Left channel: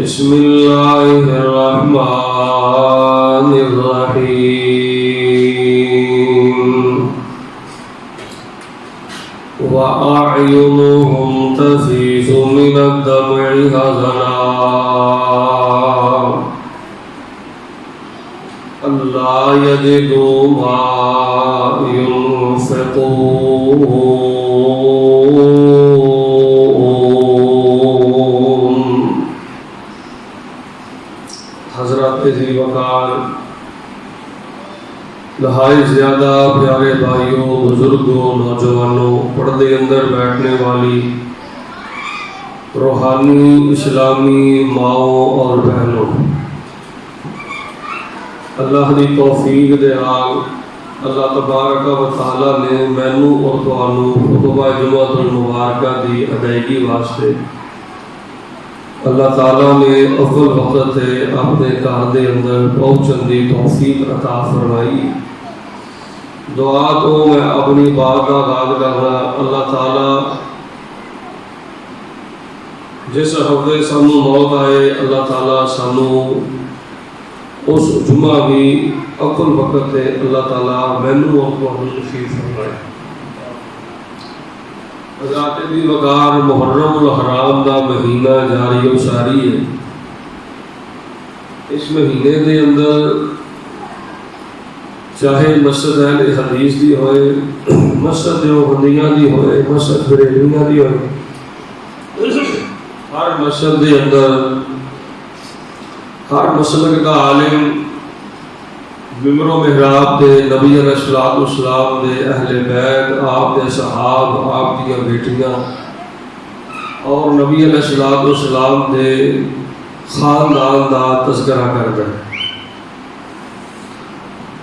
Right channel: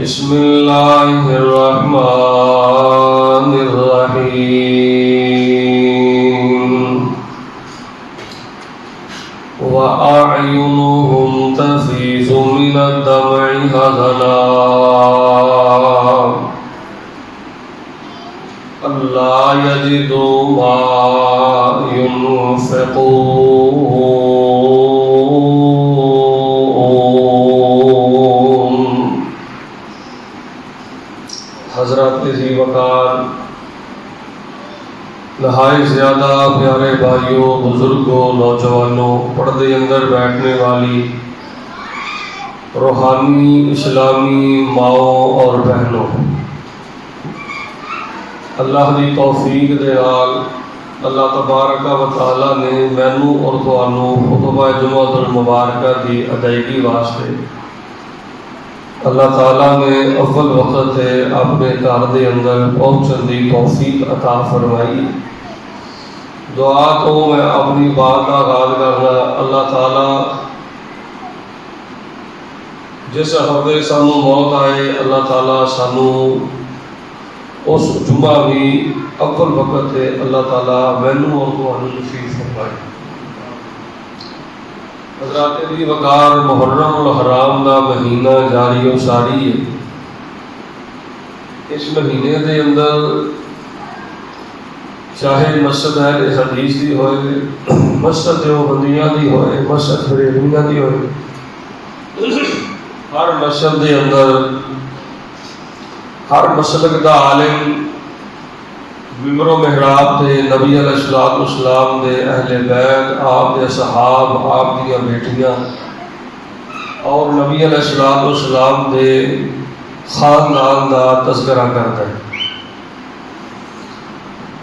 بسم اللہ الرحمن الرحیم وَأَعْيُنُهُمْ تَفِيضُ مِنَ الدَّمْعِ حَزَنًا أَلَّا يَجِدُوا مَا يُنفِقُونَ۔ حضرات ذی وقار، نہایت زیادہ پیارے بھائیوں، بزرگوں، نوجوانوں، پردے اندر بیٹھنے والی روحانی اسلامی ماؤں اور بہنوں، اللہ کی توفیق دے آگ اللہ تبارک و تعالیٰ نے مینوں اور تھانوں خطبہ جمعۃ المبارکہ دی ادائیگی واسطے اللہ تعالیٰ نے افضل وقت ہے اپنے گھر دے اندر پہنچن دی توفیق عطا فرمائی۔ دعا تو میں اپنی بات کا آغاز کرنا، اللہ تعالیٰ جس ہفتے سانو موت آئے، اللہ تعالیٰ سانو اس جمعہ بھی افضل وقت ہے اللہ تعالیٰ مینوں اور تھانوں نصیب فرمائے۔ حضرات دی وقار، محرم الحرام دا مہینہ جاری و ساری ہے۔ اس مہینے دے اندر چاہے مسجد اہل حدیث دی ہوئے، مسجد دیوبندیاں دی ہوئے، مسجد بریلویاں دی ہوئے، ہر مسجد دے اندر ہر مسلک دا عالم ممبر و محراب دے نبی علیہ السلام دے اہل بیت، آپ دے صحاب، آپ دیا بیٹیاں اور نبی علیہ السلام دے خاندان دا تذکرہ کرتا ہے۔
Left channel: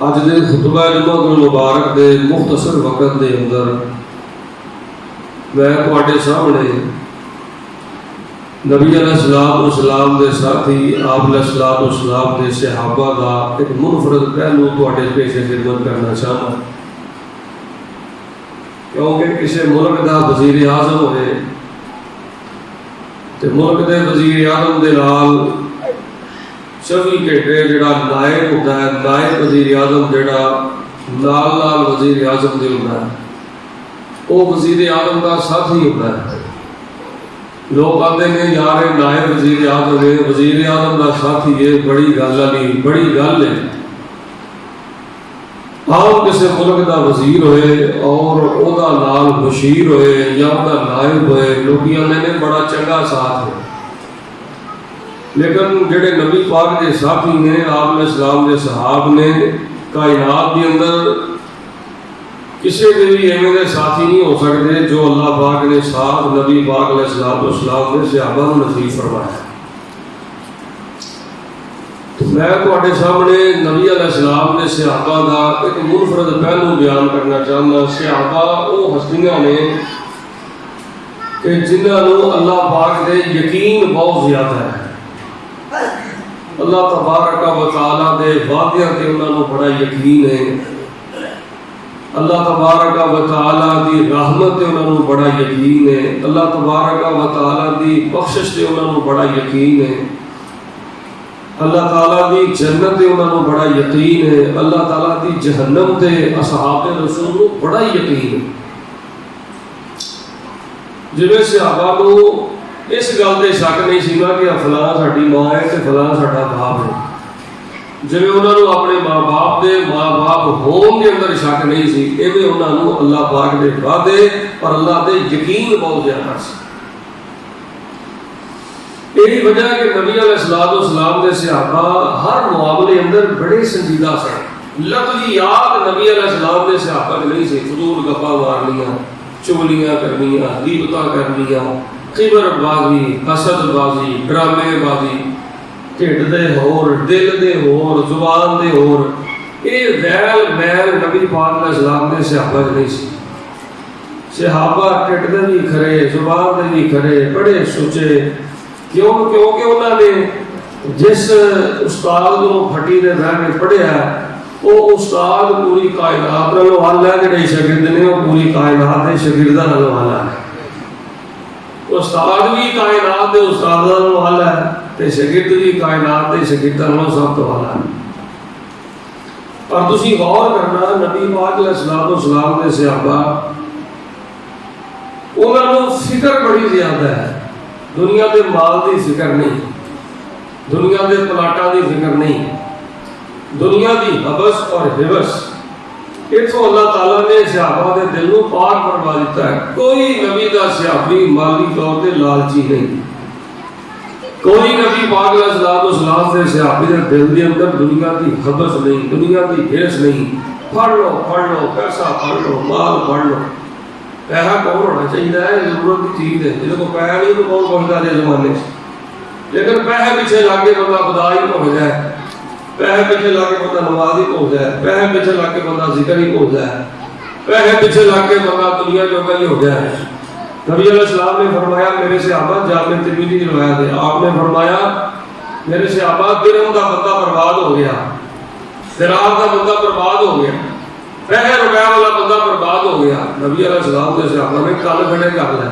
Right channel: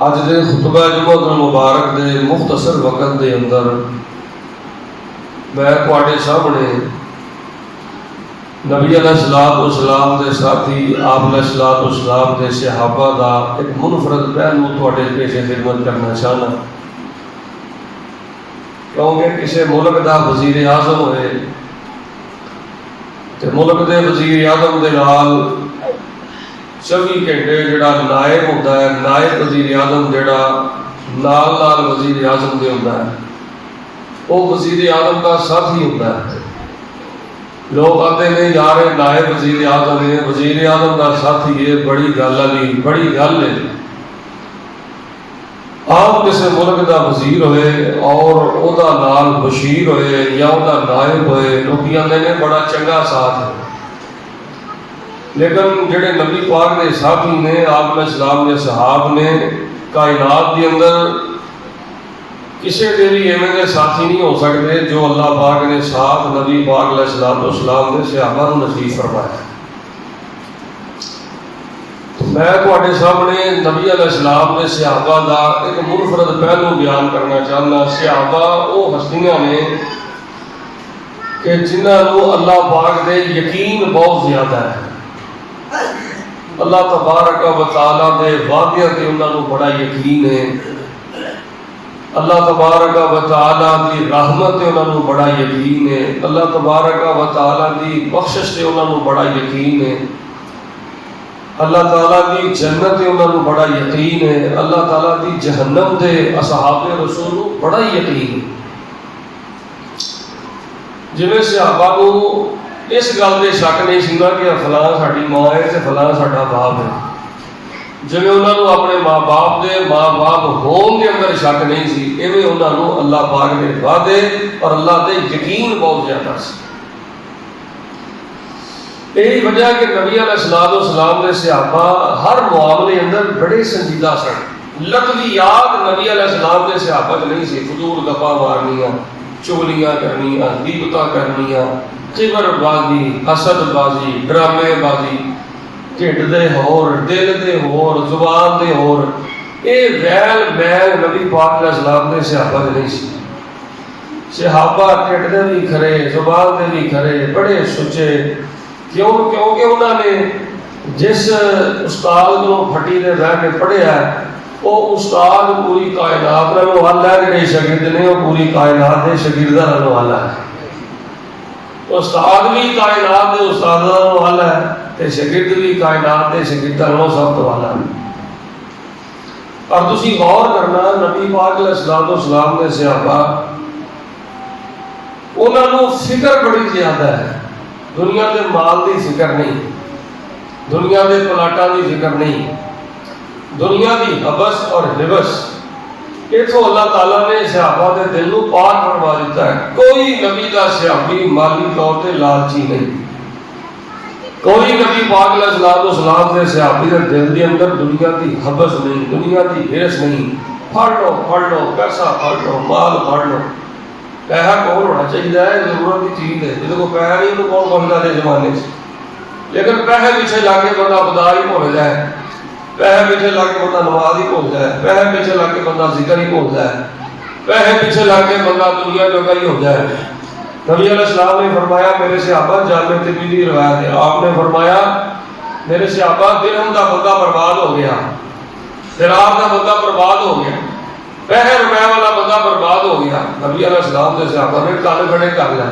آج دے خطبہ جمعۃ المبارک دے مختصر وقت دے اندر میں تواڈے سامنے نبی علیہ السلام دے ساتھی، آپ علیہ السلام دے صحابہ دا ایک منفرد پہلو تواڈے پیش خدمت کرنا چاہتا ہوں، کیونکہ کسی ملک دا وزیر اعظم ہوئے تے ملک دے وزیر اعظم دے نال 24 گھنٹے جڑا نائب ہوتا ہے، نائب وزیر اعظم جڑا نال وزیر اعظم دے ہوتا ہے، وہ وزیر اعظم کا ساتھی ہوتا ہے۔ لوگ آتے نہیں یار نائب وزیر اعظم ہے، وزیر اعظم کا ساتھی ہے، بڑی گل نہیں، بڑی گل ہے۔ آپ کسی ملک کا وزیر ہوئے اور او دا نال بشیر ہوئے یا او دا نائب ہوئے، لوگ آتے نے بڑا چنگا ساتھ ہے، لیکن جڑے نبی پاک کے ساتھی نے، آپ علیہ السلام کے صحاب نے، کائنات کے اندر کسی کے بھی ایویں دے ساتھی نہیں ہو سکتے جو اللہ پاک نے ساتھ نبی پاک علیہ السلام نے صحابہ کو نصیب فرمایا۔ میں تواڈے سامنے نبی علیہ السلام نے صحابہ دا ایک منفرد پہلو بیان کرنا چاہنا۔ صحابہ وہ ہستیاں نے کہ جنہاں نوں اللہ پاک دے یقین بہت زیادہ ہے، اللہ تبارک و تعالیٰ دے وعدیاں تے انہاں نوں بڑا یقین ہے، اللہ تبارک و تعالیٰ دی رحمت تے انہاں نوں بڑا یقین ہے، اللہ تبارک و تعالیٰ دی بخشش تے انہاں نوں بڑا یقین ہے، اللہ تعالیٰ دی جنت تے انہاں نوں بڑا یقین ہے، اللہ تعالیٰ دی جہنم تے اصحاب رسول نوں بڑا یقین ہے۔ جویں صحابہ کو اس گل دے شک نہیں سی نا کہ فلاں ساڈی ماں ہے تے فلاں ساڈا باپ ہے، جویں انہاں نوں اپنے ماں باپ ہون دے اندر شک نہیں سی، ایویں انہاں نوں اللہ پاک دے وعدے اور اللہ دے یقین بہت زیادہ سی۔ یہی وجہ کہ نبی علیہ السلام نے صحابہ ہر معاملے اندر بڑے سنجیدہ سن۔ لفظیات نبی علیہ السلام نے صحابہ نہیں سی، فضول گپاں مارنیاں، چغلیاں کرنیاں، غیبتاں کرنیاں، کبر بازی، حسد بازی، ڈرامے بازی، ٹھڈ دے ہور، دل دے ہور، زبان دے ہور، یہ ویل ویل نبی پاک علیہ السلام نے صحابہ نہیں سی۔ صحابہ ٹھڈ دے بھی کھرے، زبان دے بھی کھرے، بڑے سچے، کیونکہ انہوں نے جس استاد کو پھٹی دے رہ کے پڑھیا ہے، وہ استاد پوری کائنات میں والا ہے، کہ شاگرد نے وہ پوری کائنات کے شاگرداں والا ہے۔ استاد بھی کائنات کے استاداں والا ہے، تے شاگرد بھی کائنات دے شاگرداں نوں سب تو اعلیٰ ہے۔ اور تسی غور کرنا نبی پاک علیہ الصلوۃ والسلام دے صحابہ انہاں نوں فکر بڑی زیادہ ہے، دنیا دے مال دی فکر نہیں، دنیا دے پلاٹاں دی فکر نہیں، دنیا دی حبس اور حبس اتوں اللہ تعالیٰ نے صحابہ کے دل کو پاک کروا دیتا ہے۔ کوئی نبی کا صحابی مالی طور پہ لالچی نہیں، کوئی نبی پاک علیہ الصلوۃ والسلام کے صحابی کے دل کے اندر دنیا کی حبس نہیں، دنیا کی ہرس نہیں۔ پڑھ لو پیسہ پڑھ لو، مال پڑھ لو، پیسہ کون ہونا چاہیے ہے، ضرورت کی چیز ہے، جس کو پیسہ نہیں تو کون پہنچتا ہے زمانے سے، لیکن پیسے پیچھے جا کے بندہ خدا ہی بھول جائے، پیسے پیچھے لا کے بندہ نماز ہی بھول جائے، پیسے پیچھے لا کے بندہ ذکر ہی بھول جائے، پیسے پیچھے لا کے بندہ دنیا جوگا ہی ہو جائے۔ نبی علیہ السلام نے فرمایا میرے صحابہ، جامع ترمذی کی روایت ہے، آپ نے فرمایا میرے صحابہ درہم کا بندہ برباد ہو گیا، دینار کا بندہ برباد ہو گیا، پیسے روپے والا بندہ برباد ہو گیا۔ نبی علیہ السلام نے صحابہ نے کال کھڑے کر لیا،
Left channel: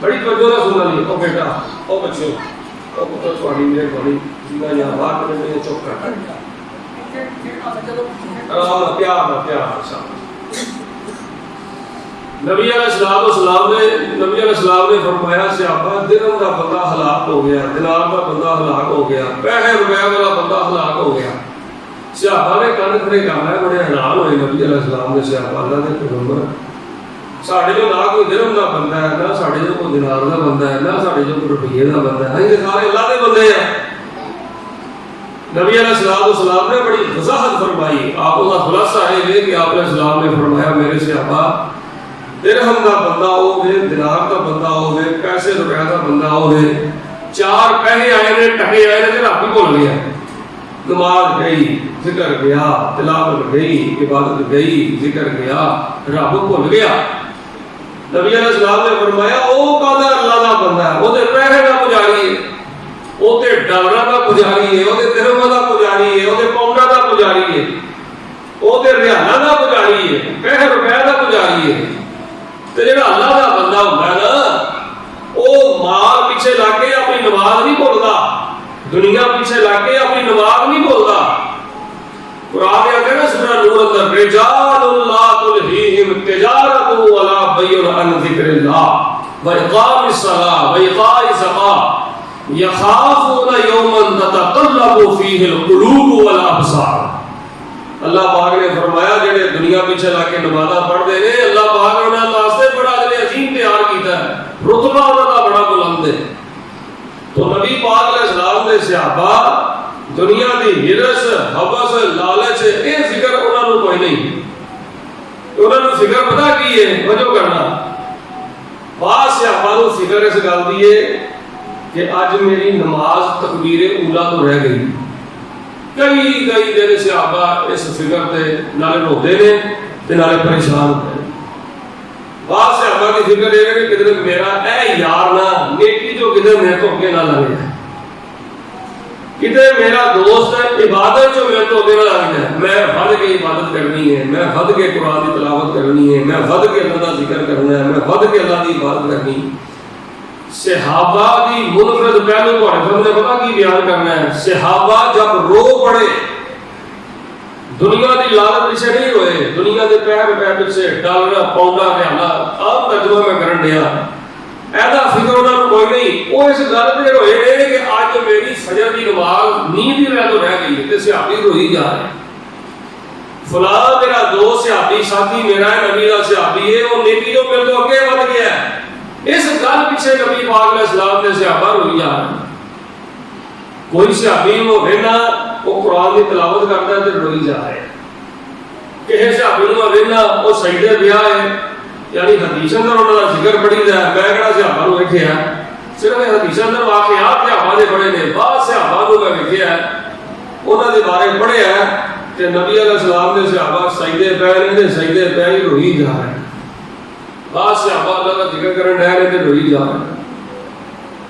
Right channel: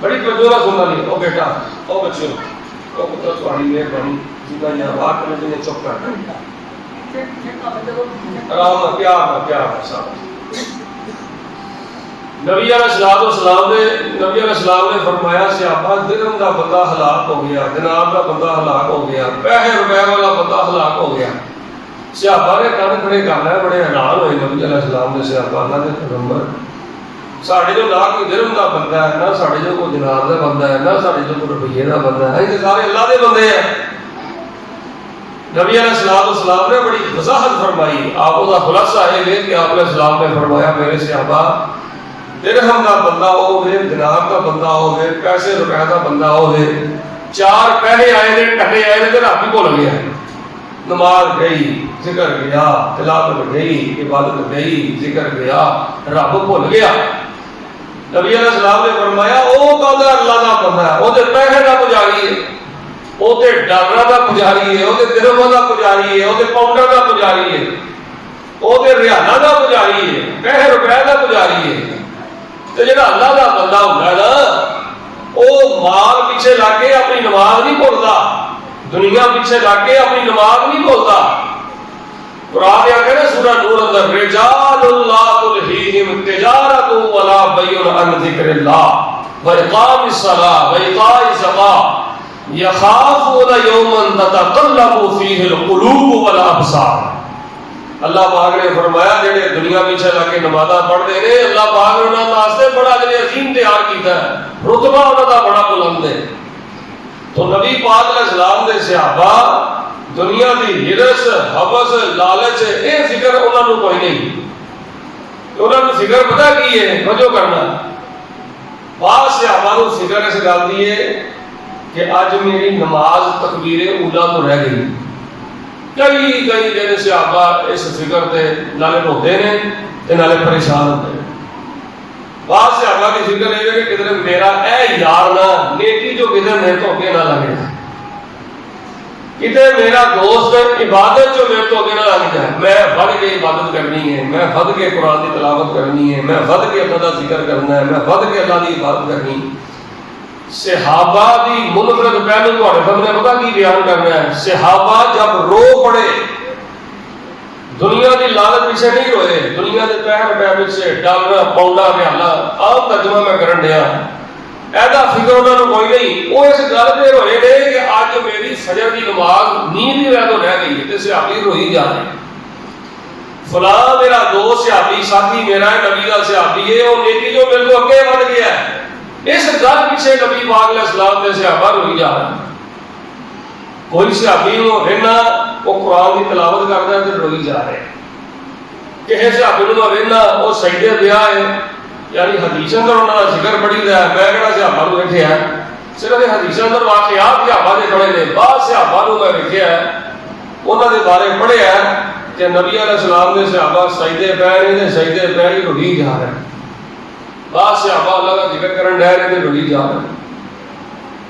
بڑی توجہ سننا نہیں، او بیٹا او بچو او پتر تھوڑی مہربانی جنہیں یہاں بات کرنے میں چپ کر پیار صاحب۔ نبی علیہ السلام نے فرمایا صحابہ درہم کا بندہ ہلاک ہو گیا، دینار کا بندہ ہلاک ہو گیا، پیسے روپے والا بندہ ہلاک ہو گیا۔ صحابہ نے کان کھڑے کر لیا، بڑے حیران ہوئے نبی علیہ السلام نے صحابہ اللہ نے پیغمبر ساڑھے جو نہ کوئی درہم کا بندہ ہے، نہ ساڑھے جو کوئی دینار کا بندہ ہے، نہ ساڑھے جو کوئی روپیے کا بندہ ہے، یہ سارے اللہ کے بندے ہیں۔ نبی علیہ السلام نے بڑی وضاحت فرمائی، آپ کا خلاصہ ہے کہ آپ علیہ السلام نے فرمایا میرے صحابہ درہم کا بندہ ہو گئے، دینار کا بندہ ہو گئے، پیسے روپے کا بندہ ہو گئے، چار پیسے آئے نے کٹے آئے نے رب ہی بھول گیا، نماز گئی، ذکر گیا، تلاوت گئی، عبادت گئی، ذکر گیا، رب بھول گیا۔ نبی علیہ السلام نے فرمایا او بندہ اللہ کا بندہ ہے، وہ پیسے کا پجاری ہے، وہ ڈالر کا پجاری ہے، وہ درہم کا پجاری ہے، وہ پاؤنڈ کا پجاری ہے، وہ ریالہ کا پجاری ہے، پیسے روپے کا پجاری ہے۔ جڑا اللہ کا بندہ ہوتا ہے نا وہ مال پیچھے لا کے اپنی نماز نہیں بھولتا، دنیا پیچھے لا کے اپنی نماز نہیں بھولتا۔ قرآن کہتے ہیں سورہ نور اندر رجال لا تلہیہم تجارت ولا بیع عن ذکر اللہ واقام الصلاۃ وایتاء الزکاۃ یخافون یوما تتقلب فیہ القلوب والابصار۔ اللہ پاک نے فرمایا جڑے دنیا پیچھے لا کے نمازاں پڑھتے ہیں اللہ پاک نے انہاں واسطے بڑا عظیم تیار کیتا ہے، رتبہ انہاں دا بڑا بلند ہے۔ تو نبی پاک علیہ السلام دے صحابہ دنیا دی ہرس حبس لالچ یہ فکر انہاں نوں کوئی نہیں، انہاں نوں فکر پتہ کی ہے، توجہ کرنا، بعض صحابہ نوں فکر اس گل دی ہے کہ اج میری نماز تکبیر اولا تو رہ گئی۔ کئی دن صحابہ اس فکر تے نالے روتے ہیں تے نالے پریشان ہوتے ہیں۔ بعض صحابہ کی فکر ہے کہ کدھر میرا اے یار نہ نیکی جو کدھر میرے تو اگے نہ لگ جائے، کدھر میرا دوست عبادت جو میرے تو اگے نہ لگ جائے، میں بھگ کے عبادت کرنی ہے، میں بھگ کے قرآن کی تلاوت کرنی ہے، میں بھگ کے اللہ کا ذکر کرنا ہے، میں بھگ کے اللہ کی عبادت کرنی ہے۔ صحابہ کی منفرد پہلو تھوڑے سامنے پتہ کی بیان کرنا ہے، صحابہ جب رو پڑے دنیا کی لالچ پیچھے نہیں روئے، دنیا کے پیسے روپے پیچھے ڈالر پاؤنڈا ریالہ عام ترجمہ میں کرن دیا ایسا فکر انہوں نے کوئی نہیں، وہ اس گل پہ روئے نے کہ آج میری فجر کی نماز نیند ہی رہ تو رہ گئی ہے، صحابی روئی جا رہے فلاں میرا دوست صحابی ساتھی میرا ہے نبی کا صحابی ہے، وہ نیکی جو میرے کو اگے بڑھ گیا ہے، اس گل پیچھے نبی پاک علیہ السلام نے صحابہ روئی جا رہے ہیں۔ کوئی صحابی ہو رہنا وہ قرآن کی تلاوت کرتا ہے تو روئی جا رہے ہیں، کسی صحابی ہو رہنا وہ سجدے پہ ہے، یعنی حدیث اندر انہوں نے ذکر پڑھی رہا ہے، میں کہنا صحابہ نو لکھیا ہے، صرف حدیث اندر واقعات صحابہ نے پڑھے نے، بعض صحابہ نو میں لکھیا ہے انہوں نے بارے پڑھے ہیں کہ نبی علیہ السلام نے صحابہ سجدے پہ نہیں سجدے پہ ہی روئی جا رہے ہیں، بعض صحابہ اللہ کا ذکر کرن رہے ہیں تو روئی جا رہے ہیں،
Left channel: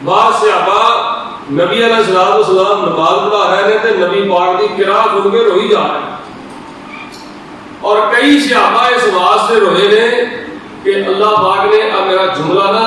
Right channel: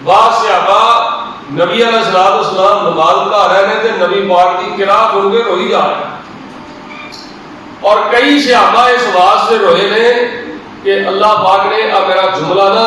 بعض صحابہ نبی علیہ السلام نماز پڑھا رہے ہیں تو نبی پاک کی قرات سن کے روئی جا رہے ہیں، اور کئی صحابہ اس واسطے روئے نے کہ اللہ پاک نے اب میرا جملہ نا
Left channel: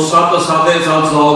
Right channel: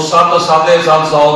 700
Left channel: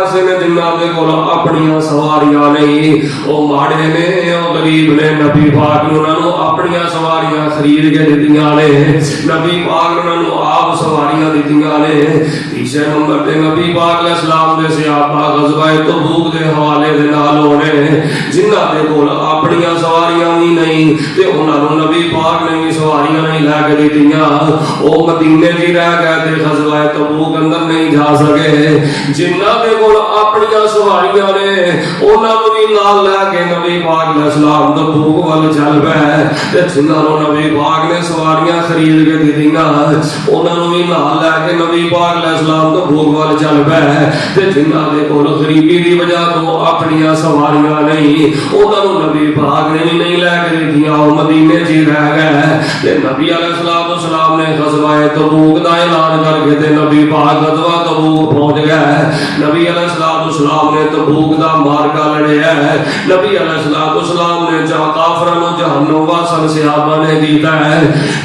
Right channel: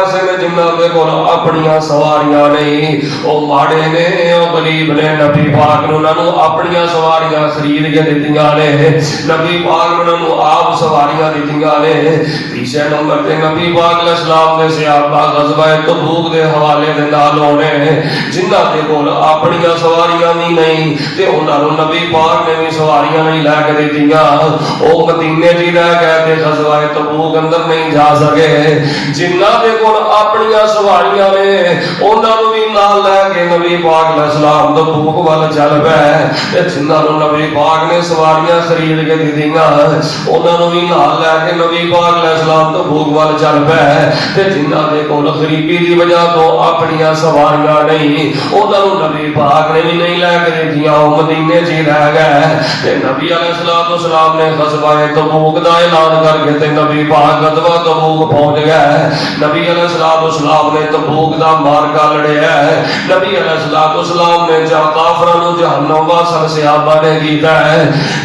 ایسے نے جنہاں دے کول اپنیاں سواریاں نہیں، او ماڑے نے او غریب نے، نبی پاک نے انہاں نوں اپنیاں سواریاں خرید کے دتیاں نے، نبی پاک نے انہاں نوں آپ سواریاں دتیاں نے۔ تیسرے نمبر تے نبی پاک علیہ السلام دے صحابہ غزوہ تبوک دے حوالے دے نال ہونے جنہاں دے کول اپنیاں سواریاں نہیں تے انہاں نوں نبی پاک نے بھی سواریاں نہیں لا کے دتیاں، او مدینے جی رہ گئے تے غزوہ تبوک اندر نہیں جا سکے۔ جنہاں دے کول اپنیاں سواریاں نے انہاں نوں بھی نال لے کے نبی پاک علیہ السلام تبوک ول چل پئے تے جنہاں نوں نبی پاک نے سواریاں خرید کے دتیاں انہاں نوں بھی نال لے کے نبی پاک علیہ السلام تبوک ول چل پئے تے جنہاں دے کول غریبی دی وجہ تو اپنیاں سواریاں نہیں انہاں نوں نبی پاک نے بھی نہیں لے کے دتیاں، او مدینے جی رہ گئے تے نبی علیہ السلام نے غزوہ تبوک دا اعلان کر کے تے نبی پاک غزوہ تبوک پہنچ گئے۔ نبی علیہ السلام نے تبوک دا مارکا لڑیا ہے، نبی علیہ السلام نے کافراں نوں جہنم واسل صحابہ نے کیتا ہے۔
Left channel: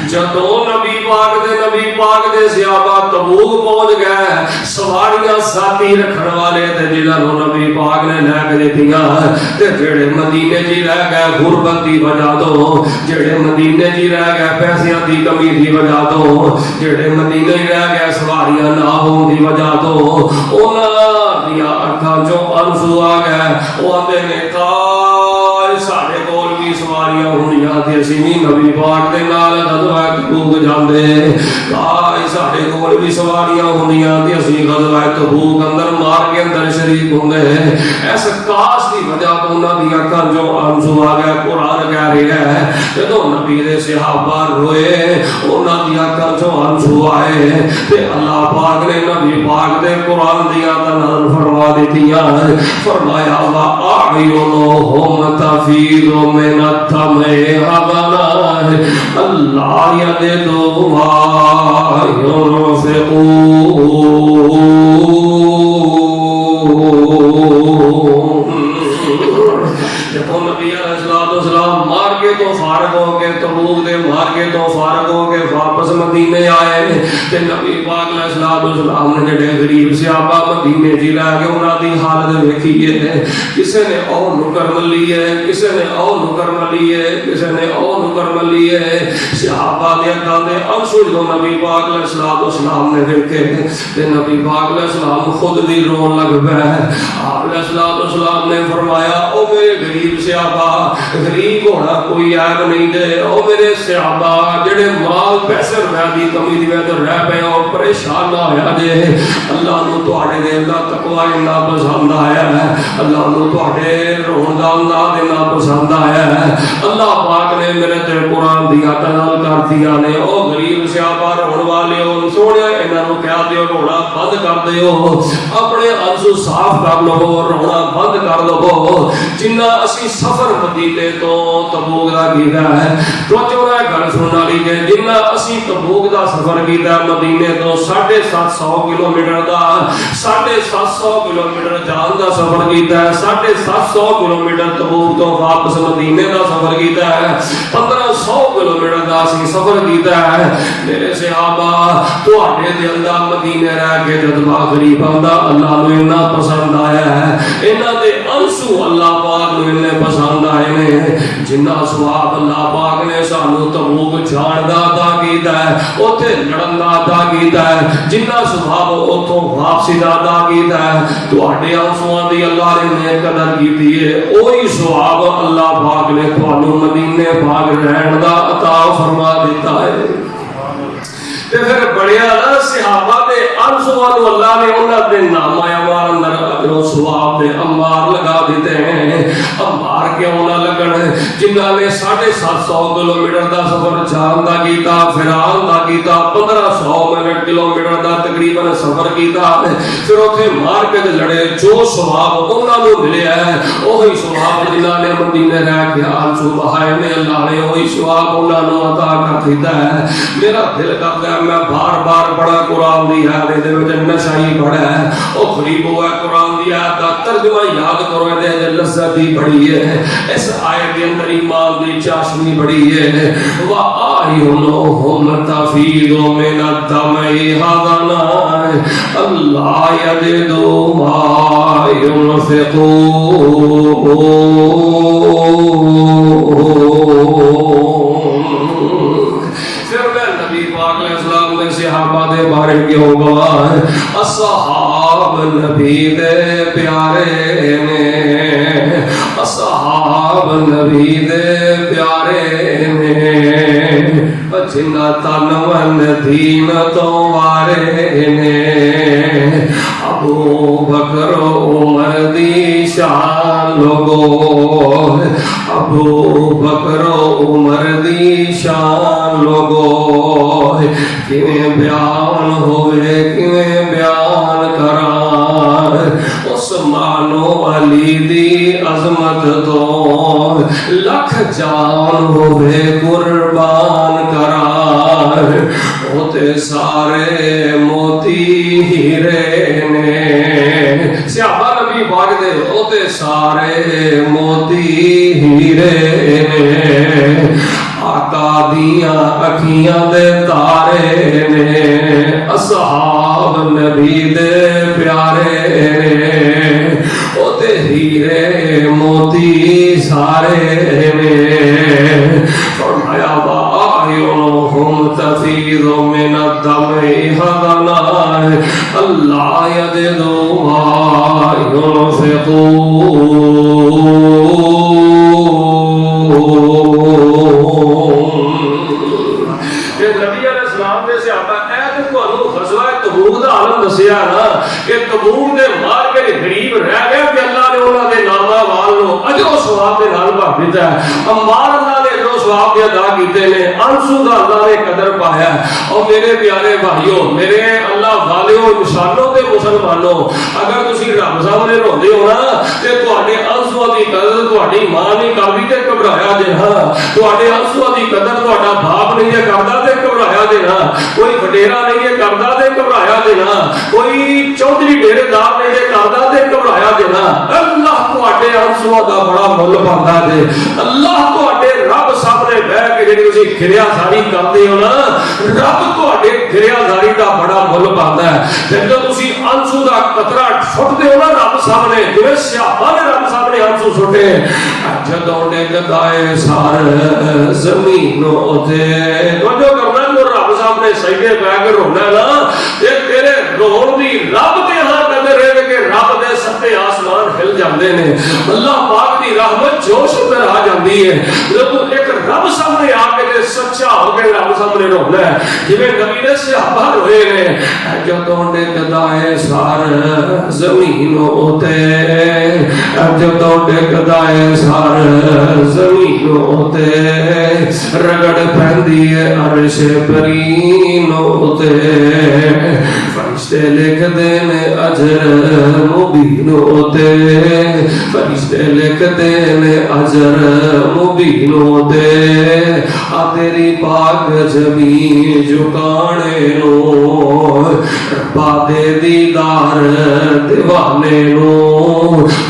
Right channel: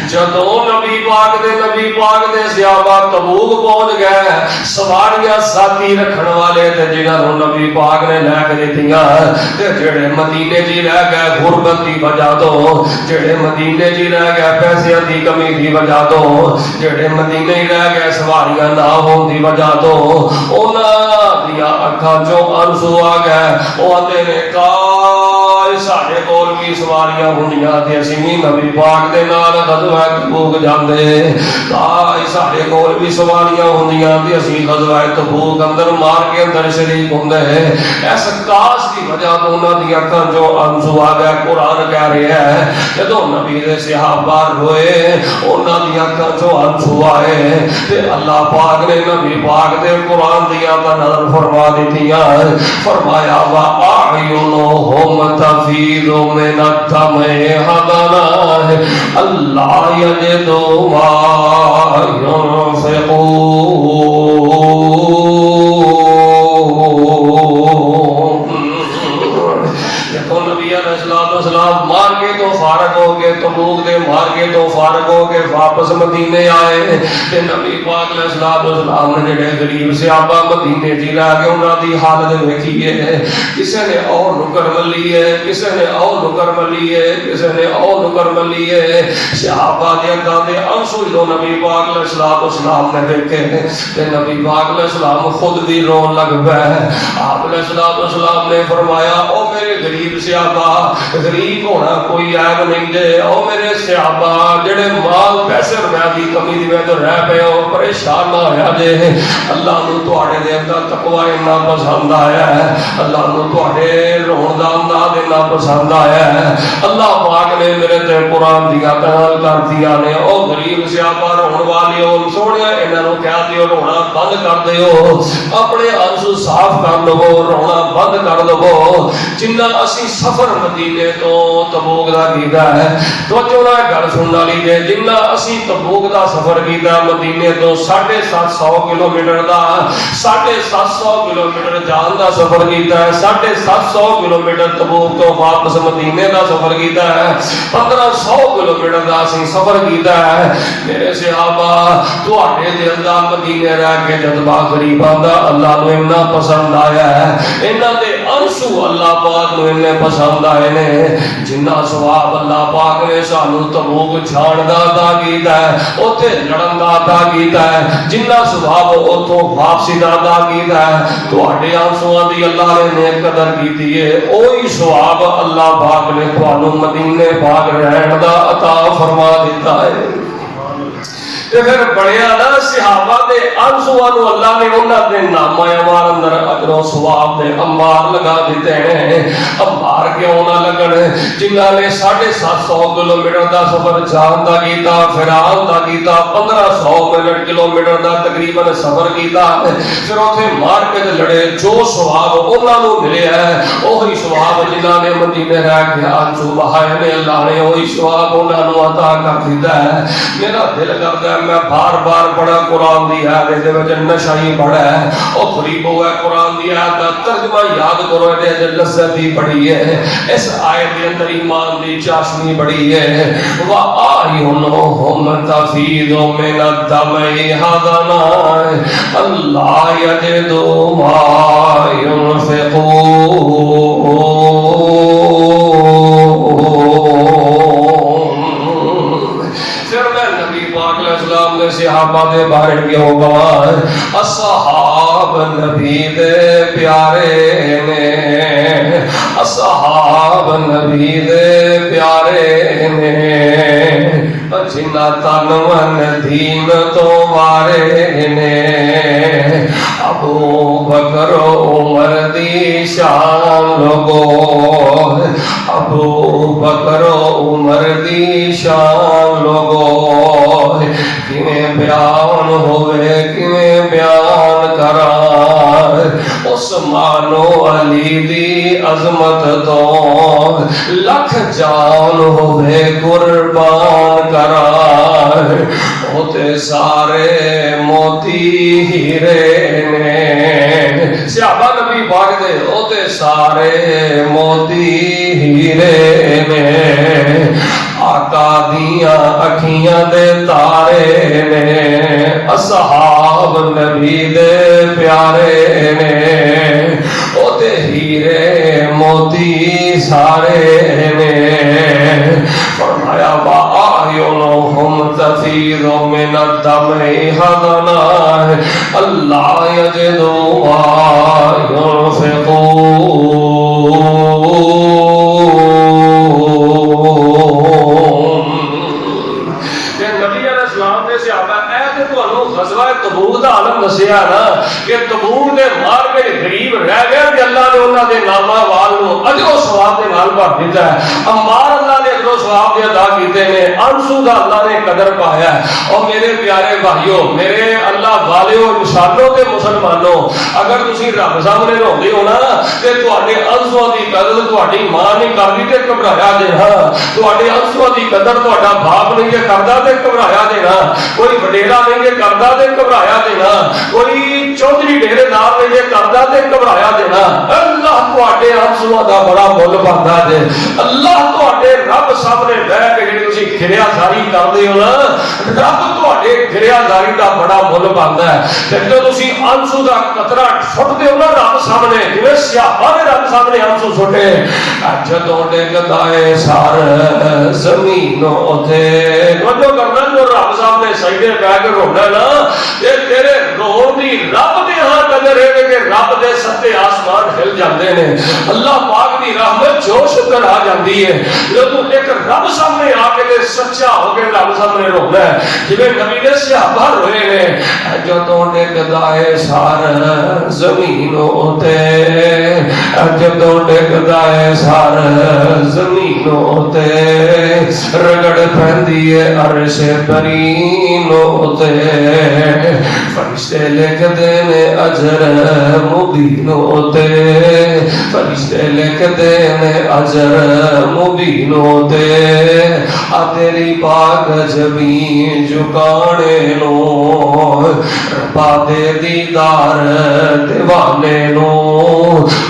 جدوں نبی پاک دے صحابہ تبوک پہنچ گئے، سواریاں ساتھی رکھن والے تے جنہاں نوں نبی پاک نے لے کے دتیاں تے جڑے مدینے جی رہ گئے غربت دی وجہ تو، جڑے مدینے جی رہ گئے پیسے دی کمی دی وجہ تو، جڑے مدینے ہی رہ گئے سواریاں نہ ہون دی وجہ تو، انہاں دیاں اکھاں چوں آنسو آ گئے۔ او آندے نے کاش ساڈے کول بھی سواریاں ہوندیاں تے اسی نہیں نبی پاک دے نال غزوہ تبوک جاندے، کاش ساڈے کول بھی سواریاں ہوندیاں تے اسی غزوہ تبوک اندر مار کے اندر شریک ہوندے۔ اس کاش دی وجہ تو انہاں دیاں اکھاں چوں آنسو آ گئے۔ قرآن کہہ رہا ہے جدوں نبی دے صحابہ روئے انہاں دیاں اکھاں چوں آنسو آئے تے اللہ پاک نے نبی پاک دے قرآن دیاں دا نظر فرما دتیاں، فرمایا وَأَعْيُنُهُمْ تَفِيضُ مِنَ الدَّمْعِ حَزَنًا أَلَّا يَجِدُوا مَا يُنْفِقُونَ۔ دیکھو نبی علیہ السلام مارکے تو فارغ ہو کے تبوک کے مارکے تو فارغ ہو کے واپس مدینے آئے تے نبی پاک علیہ السلام نے جڑے غریب صحابہ مدینے جی رہ کے انہاں دی حالت ویکھی ہے، کسے نے اور نکر ملی ہے، کسے نے اور نکر ملی ہے، کسے نے اور نکر ملی ہے۔ صحابہ دے اکھاں تے آنسو جو نبی پاک علیہ السلام نے دیکھے تے نبی پاک علیہ السلام خود بھی رون لگ پئے۔ آپ علیہ السلام نے فرمایا او میرے غریب صحابہ، غریب ہونا کوئی عیب نہیں دے، او میرے صحابہ جڑے مال پیسے روپے دی کمی دی وجہ رہ پے ہو پریشان نہ ہویا جے، اللہ نوں تواڈے دے اندر تقوی انہاں پسند آیا ہے، اللہ نوں تواڈے رون دا انداز انہاں پسند آیا ہے۔ اللہ پاک نے میرے تے قرآن دی عطا کر دیا نے، او غریب صحابہ رون والی ہو سونے انہاں نوں کہہ دیو رونا بند کر دیو، اپنے آنسو صاف کر لو، رونا بند کر لو۔ جنہ اسی سفر مدینے تو تبوک دا کیتا ہے، توجہ ہے گل سنن والی جے، جنہ اسی تبوک دا سفر کیتا ہے مدینے تو 750 کلومیٹر دا، 750 کلومیٹر جان دا سفر کیتا ہے، 750 کلومیٹر تبوک تو واپس مدینے دا سفر کیتا ہے، 1500 کلومیٹر دا اسی سفر کیتا ہے۔ میرے صحابہ تواڈے دے اندر مدینے رہ کے جذبہ غریباں دا اللہ نوں انہاں پسند آیا ہے، انہاں دے آنسو اللہ پاک نوں انہیں پسند آئے نے، جنہ ثواب اللہ پاک نے سانوں تبوک جان دا عطا کیتا ہے، اوتھے لڑن دا عطا کیتا ہے، جنہ ثواب اوتھوں واپسی دا عطا کیتا ہے، تواڈے آنسواں دی اللہ نے نیک قدر کیتی ہے، اوہی ثواب اللہ پاک نے تانوں مدینے پاک رہن دا عطا فرما دیتا ہے۔ تے پھر بڑیا نا صحابہ دے آنسواں نوں اللہ نے انہاں دے نام اعمال اندر اجر و ثواب دے انبار لگا دیتے ہیں۔ انبار کیوں نہ لگن؟ جنہاں نے 750 کلومیٹر دا سفر جان دا کیتا، فران دا کیتا، 1500 کلومیٹر دا تقریباً سفر کیتا، پھر اوتھے مار کے لڑے، جو ثواب انہاں نوں ملیا ہے وہی ثواب جنہاں نے مدینے رہ کے آنسو بہائے نے اللہ نے وہی ثواب انہاں نوں عطا کر دیتا ہے۔ میرا دل کرتا ہے میں بار بار پڑھا قرآن دی آیت دے وچ نشہ ہی بڑا ہے او قریب ہوا قرآن دی آیت دا ترجمہ یاد کرو دے لذت ہی بڑی ہے اس آیت دے اندر ایمان دی چاشنی بڑی ہے وَآئِنُهُمْ تَفِيضُ مِنَ الدَّمْعِ حَزَنًا أَلَّا يَجِدُوا مَا يُنْفِقُونَ صحابہ دے بارے کیوں گوار اصحاب نبی دے پیارے نے اصحاب نبی دے پیارے نے جنہ تن من دین تو وارے نے ابو بکر عمر دی شان گو ابو بکر عمر دی شان گو کیویں بیان ہوئے کیویں بیان کران عثمان و علی دی عظمت تو لکھ جان ہوئے قربان کران ہوتے سارے موتی ہیرے نے صحابہ نبی پاک دے ہوتے سارے موتی ہیرے نے آقا دیاں اکھیاں دے تارے نے اصحاب نبی دے پیارے نے او تے ہیرے موتی سارے نے فرمایا وَآئِنُهُمْ تَفِيضُ مِنَ الدَّمْعِ حَزَنًا أَلَّا يَجِدُوا مَا يُنْفِقُونَ دسیا نا کہ تبوک دے مار کے غریب رہ گئے کہ اللہ نے انہاں دے نامہ والو اجو ثواب دے نال بھر دیتا ہے امبار اللہ نے جو ثواب ادا کیتے نے انسو دا اللہ نے قدر پایا ہے اور میرے پیارے بھائیوں میرے اللہ والیوں انشاءاللہ تے مسلمانوں اگر تسی رب سامنے روندے ہو نا تے تواڈے انسو دی قدر تواڈی ماں نہیں کردی تے گھبرایا جے ہاں تواڈے انسو دی قدر تواڈا باپ نہیں جے کردا تے گھبرایا جے نا کوئی وڈیرا نہیں جے کردا تے گھبرایا جے نا کوئی چودھری ڈیرے دار نے کردا تے گھبرایا دینا اللہ تواڈے انسو دا بڑا مول پاندا ہے اللہ تواڈے رب سامنے بیٹھ کے جڑی تسی گریا ساری کردے ہو نا رب تواڈے گریا ساری دا بڑا مول پاندا ہے جدوں تسی انسو دا قطرہ چھٹدے ہو نا رب سامنے جویں صحابہ نے رب سامنے انسو چھٹے جدوں ڈگدا اے سار زمینوں تے وجو کرنا جو رب سامنے سجدے بیٹھ کے رونا نا تے تیرے رون دی رب دے ہاں قدر ہے کہ رب دے ستے آسمان ہل جاندے نے اللہ پاک دی رحمت جوش کر آ جاندی ہے جب ایک رب سامنے آ کے سچا ہو کے رب سامنے رونا ہے جویں نبی نے صحابہ روئے نے جدوں ڈگدا اے سار زمینوں تے جدوں ڈگدا اے سار زمینوں تے رگڑ پیندی ہے عرش کریم تے فرشتے لکھ دینے اجر مبینوں تے فرشتے لکھ دینے اجر مبینوں تے تیری پاک زمین جھکانے نو پادے دیدار دیوانے نو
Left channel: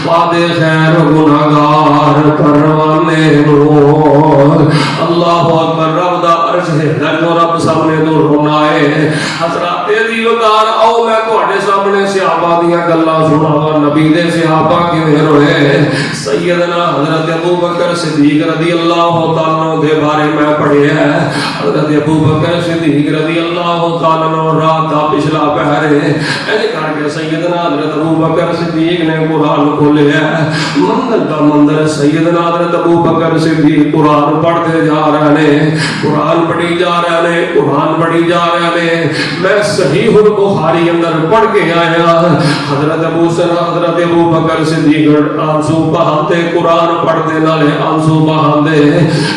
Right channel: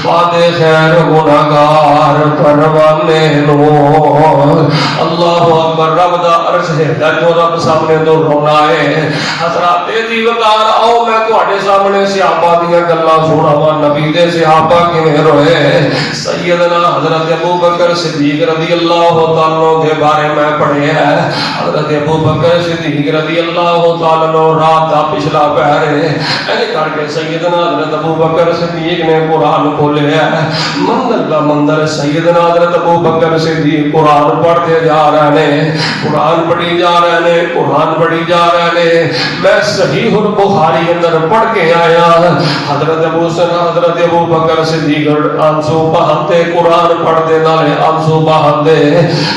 پادے خیر گناہگار پروانے نو اللہ اکبر رب دا عرش ہے رب سامنے تو رونا ہے حضرات دی وقار آؤ میں تواڈے سامنے صحابہ دیاں گلاں سناواں نبی دے صحابہ کیویں روئے سیدنا حضرت ابو بکر صدیق رضی اللہ تعالی عنہ کے بارے میں پڑھے ہے حضرت ابو بکر صدیق رضی اللہ تعالی عنہ رات دا پچھلا پہر ہے ایسے کر کے سیدنا حضرت ابو بکر صدیق نے قرآن کھولیا ہے مندر کا مندر سیدنا حضرت ابو بکر صدیق قرآن پڑھتے جا رہے ہیں قرآن پڑھی جا رہے ہیں قرآن پڑھی جا رہے ہیں میں صحیح البخاری اندر پڑھ کے آیا حضرت ابو بکر صدیق آنسو بہاتے قرآن پڑھتے نالے آنسو بہاندے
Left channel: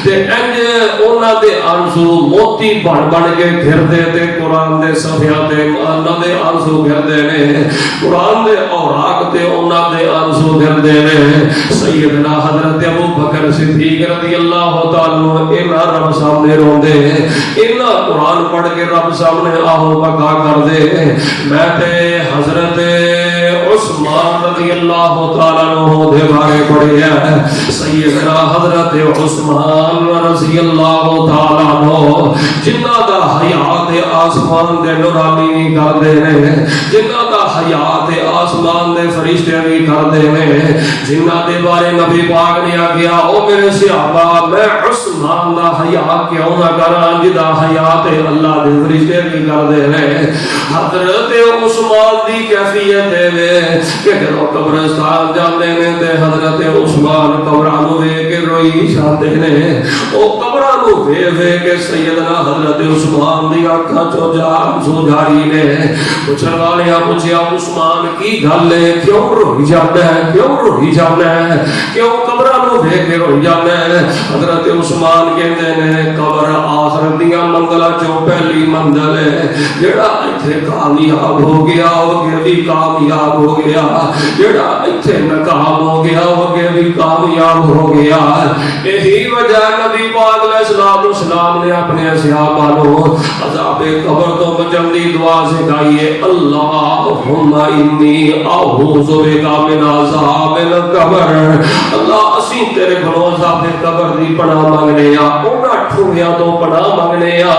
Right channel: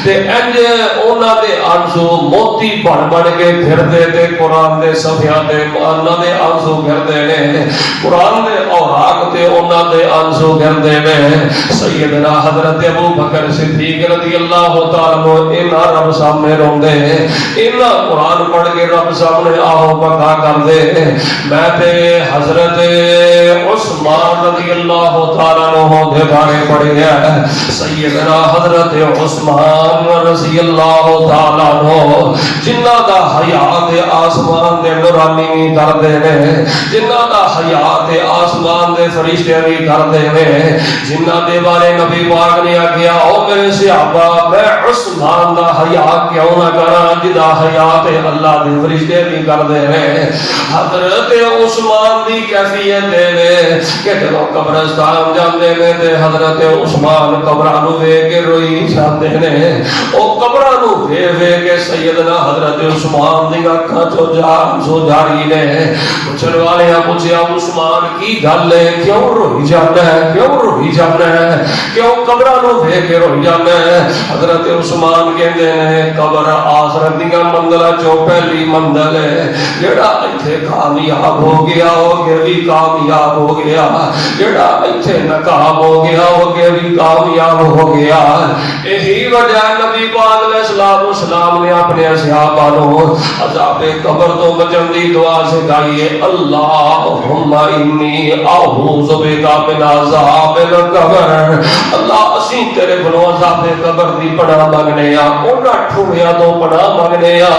تے انج انہاں دے آنسو موتی بن بن کے پھردے تے قرآن دے صفحیاں تے انہاں دے آنسو گردے نے قرآن دے اوراق تے انہاں دے آنسو گردے نے سیدنا حضرت ابو بکر صدیق رضی اللہ تعالی عنہ انہاں رب سامنے روندے انہاں قرآن پڑھ کے رب سامنے آہو بکا کر دے میں تے حضرت عثمان رضی اللہ تعالی عنہ دے بارے پڑھیا سیدنا حضرت عثمان رضی اللہ تعالی عنہ جنہاں دا حیات آسمان دے نورانی کر دے نے جنہاں دا حیات آسمان دے فرشتے بھی کر دے نے جنہاں دے بارے نبی پاک نے آگیا او میرے صحابہ میں عثمان دا حیا کیوں نہ کراں جدا حیات اللہ دے فرشتے بھی کر دے نے حضرت عثمان دی کیفیت دے کہ جدو قبرستان جاندے نے تے حضرت عثمان قبراں نو ویکھ کے روئی جاندے نے او قبراں نو ویکھ کے سیدنا حضرت عثمان دی اکھاں چوں جان سو جاری نے پوچھن والے پوچھیا عثمان کی گل ہے کیوں روئی جاندا ہے کیوں روئی جاندا ہے کیوں قبراں نو ویکھ کے روئی جاندا ہے حضرت عثمان کہندے نے قبر آخرت دی منزل چوں پہلی منزل ہے جڑا ایتھے کامیاب ہو گیا او بھی کامیاب ہو گیا جڑا ایتھے ناکام ہو گیا او بھی کامیاب ہو گیا یہی وجہ نبی پاک علیہ الصلوۃ والسلام نے اپنے اصحابہ کو عذاب قبر تو بچن دی دعا سکھائی ہے اللہم انی اعوذ بک من عذاب القبر اللہ اسی تیرے گھروں عذاب قبر دی پناہ مانگنے آ انہاں ٹھوڑیاں تو پناہ مانگنے آ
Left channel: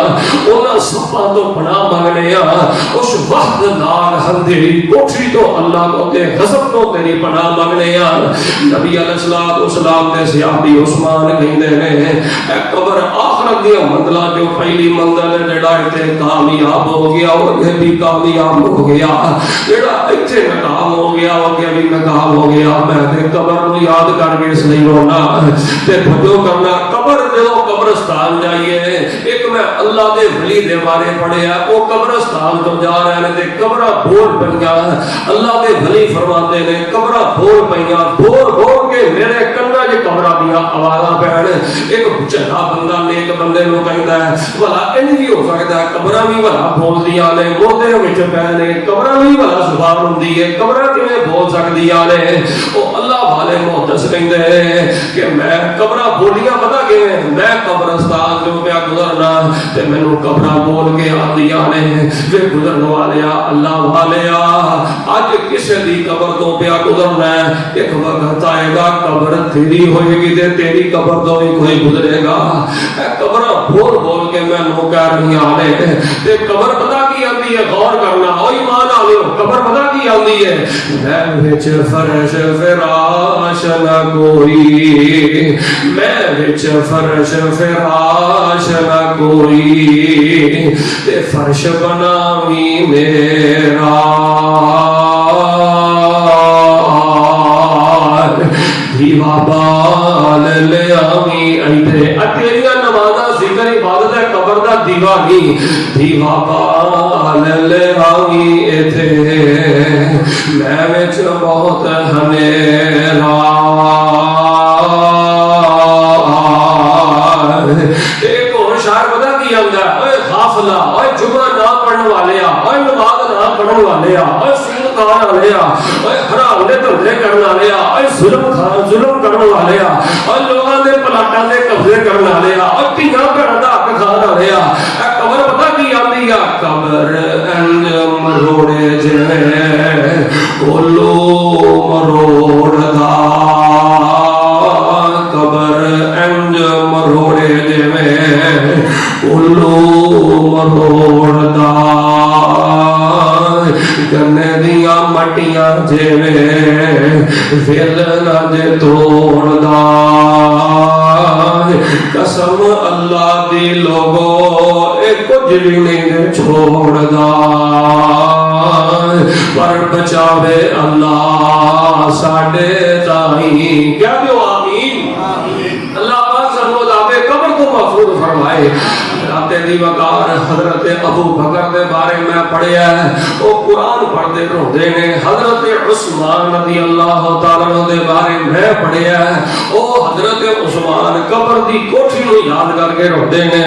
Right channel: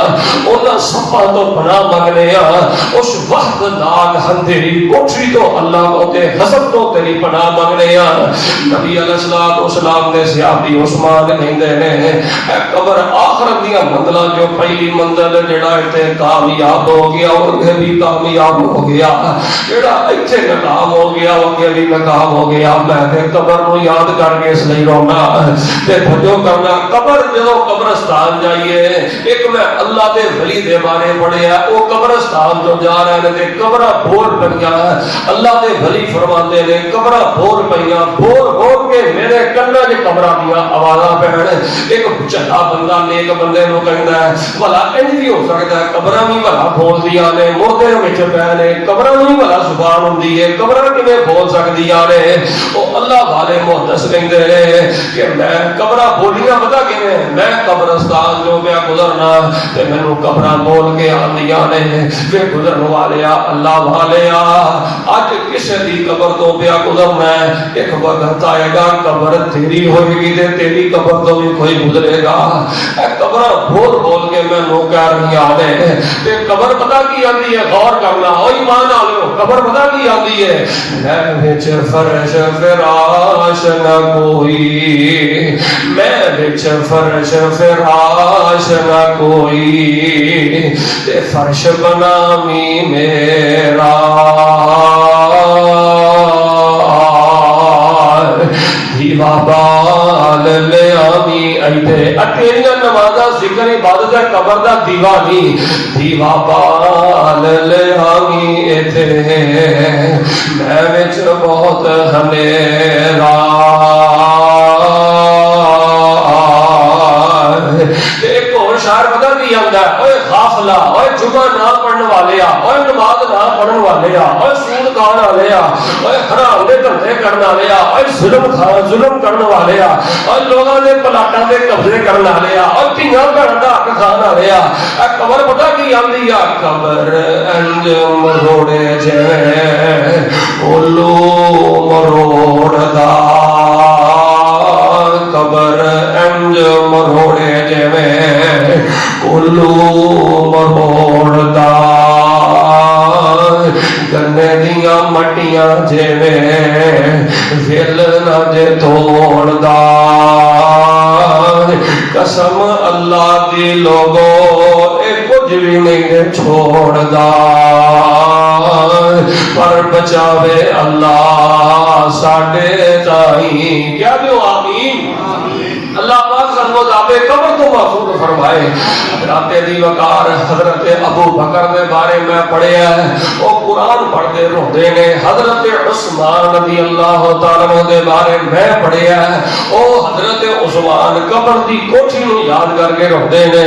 انہاں سپاں تو پناہ مانگنے آ اس وقت نال ہندری کوٹھی تو اللہ کو تے غضب تو تیری پناہ مانگنے آ نبی علیہ الصلوۃ والسلام دے صحابی عثمان کہندے نے اے قبر آخرت دی منزل جو پہلی منزل جڑا ایتھے کامیاب ہو گیا اور بھی کامیاب ہو گیا جڑا ایتھے ناکام ہو گیا وہ بھی ناکام ہو گیا میں تے قبر نو یاد کر کے اس لیے رونا تے بھجو کرنا قبر جو قبرستان جائیے ایک میں اللہ دے ولی دے بارے پڑھیا وہ قبرستان جو جا رہے ہیں تے قبرہ بول پیا اللہ دے ولی فرماتے نے قبرہ بول پیا بول کے میرے کنا دے قبرہ دیا آوازاں پہن ایک چٹا بندہ نیک بندے نو کہندا ہے بھلا انج بھی ہو سکتا ہے قبرہ بھی بھلا بول دیا نے موتے وچ پے نے قبرہ بھی بھلا زبان ہوندی ہے قبرہ کیویں بول سکدیاں نے او اللہ والے محدث کہندے کہ میں قبرہ بولیاں پتہ کیویں میں قبرستان جو پیا گزرنا تے مینوں قبرہ بول کے آندیاں نے کہ گزرن والیا اللہ والیا اج کسے دی قبر تو پیا گزرنا ہے ایک وقت آئے گا قبر تیری ہوئے گی تے تیری قبر تو بھی کوئی گزرے گا اے قبر بول کے میں نو کہہ رہی آنے تے قبر پتہ کی آتی ہے غور کرنا او ایمان آوے قبر پتہ کی آتی ہے میں وچ فرش فراش نہ کوئی میں وچ فرش فراش نہ کوئی تے فرش بناویں میرا دیوا بال لے آویں ایتھے تیریاں نمازاں ذکر عبادت ہے قبر دا دیوا نہیں دیوا بال لے آویں ایتھے میں وچ بہت ہمیرا ایک اور شعر بدل دیا گیا اے غافلہ اے جمعہ نہ پڑھنے والے اے نماز نہ پڑھنے والے اے سود کھانے والے اے حرام دے دھندے کرنے والے اے ظلم کرنے والے اے لوگوں نے پلاٹاں دے قبضے کرنے والے اے تینا گھر دا حق کھانے والے اے قبر پتہ کی آندی ہے قبر انج مروڑے جے کولو مروڑدا قبر انج مروڑے جے کولو مروڑدا گنے دیاں مٹیاں جیویں ویل نہ دے توڑدا قسم اللہ دی لوگو اے کچھ بھی نہیں چھوڑدا پر بچاوے اللہ ساڈے تائیں کیا جو آمین اللہ پاک سنو دابے قبر تو محفوظ فرمائے. آتے دی وقار حضرت ابو بکر دے بارے میں پڑھیا ہے، وہ قرآن پڑھتے روتے نے. حضرت عثمان رضی اللہ تعالیٰ عنہ دے بارے میں پڑھیا ہے، وہ حضرت عثمان قبر دی کوٹھی نو یاد کر کے روتے نے.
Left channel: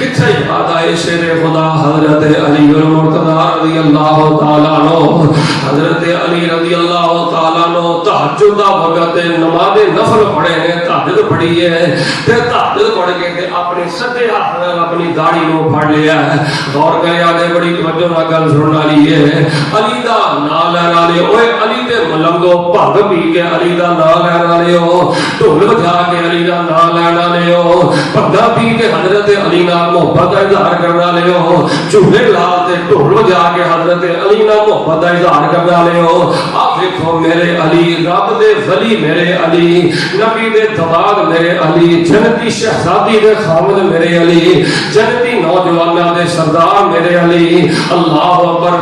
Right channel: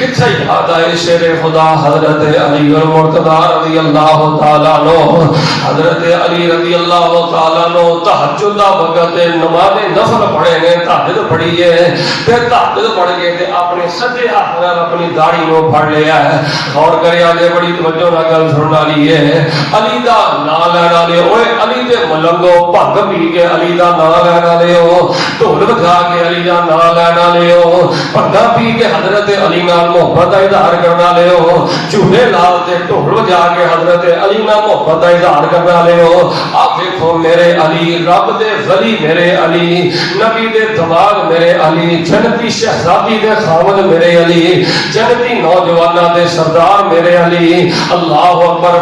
کتھے یاد آئے شیر خدا حضرت علی المرتضی رضی اللہ تعالیٰ عنہ. حضرت علی رضی اللہ تعالیٰ عنہ تہجد دا وقت نماز نفل پڑھے نے، تہجد پڑھی ہے تے تہجد پڑھ کے تے اپنے سجے ہاتھ نال اپنی داڑھی نو پھڑ لیا ہے. غور کریا نے بڑی توجہ نال گل سنن والی ہے. علی دا نام لینے والے اوے علی دے ملنگو بھنگ پی کے علی دا نام لینے والے ہو، ڈھول بجا کے علی دا نام لینے والے ہو، بھنگا پی کے حضرت علی نال محبت کا اظہار کرنے والے ہو، جھولے لال تے ڈھول بجا کے حضرت علی نال محبت کا اظہار کرنے والے ہو. آپ دیکھو میرے علی رب دے ولی میرے علی، نبی دے دماغ میرے علی، جنتی شہزادی دے خاوند میرے علی، جنتی نوجواناں دے سردار میرے علی. اللہ اکبر.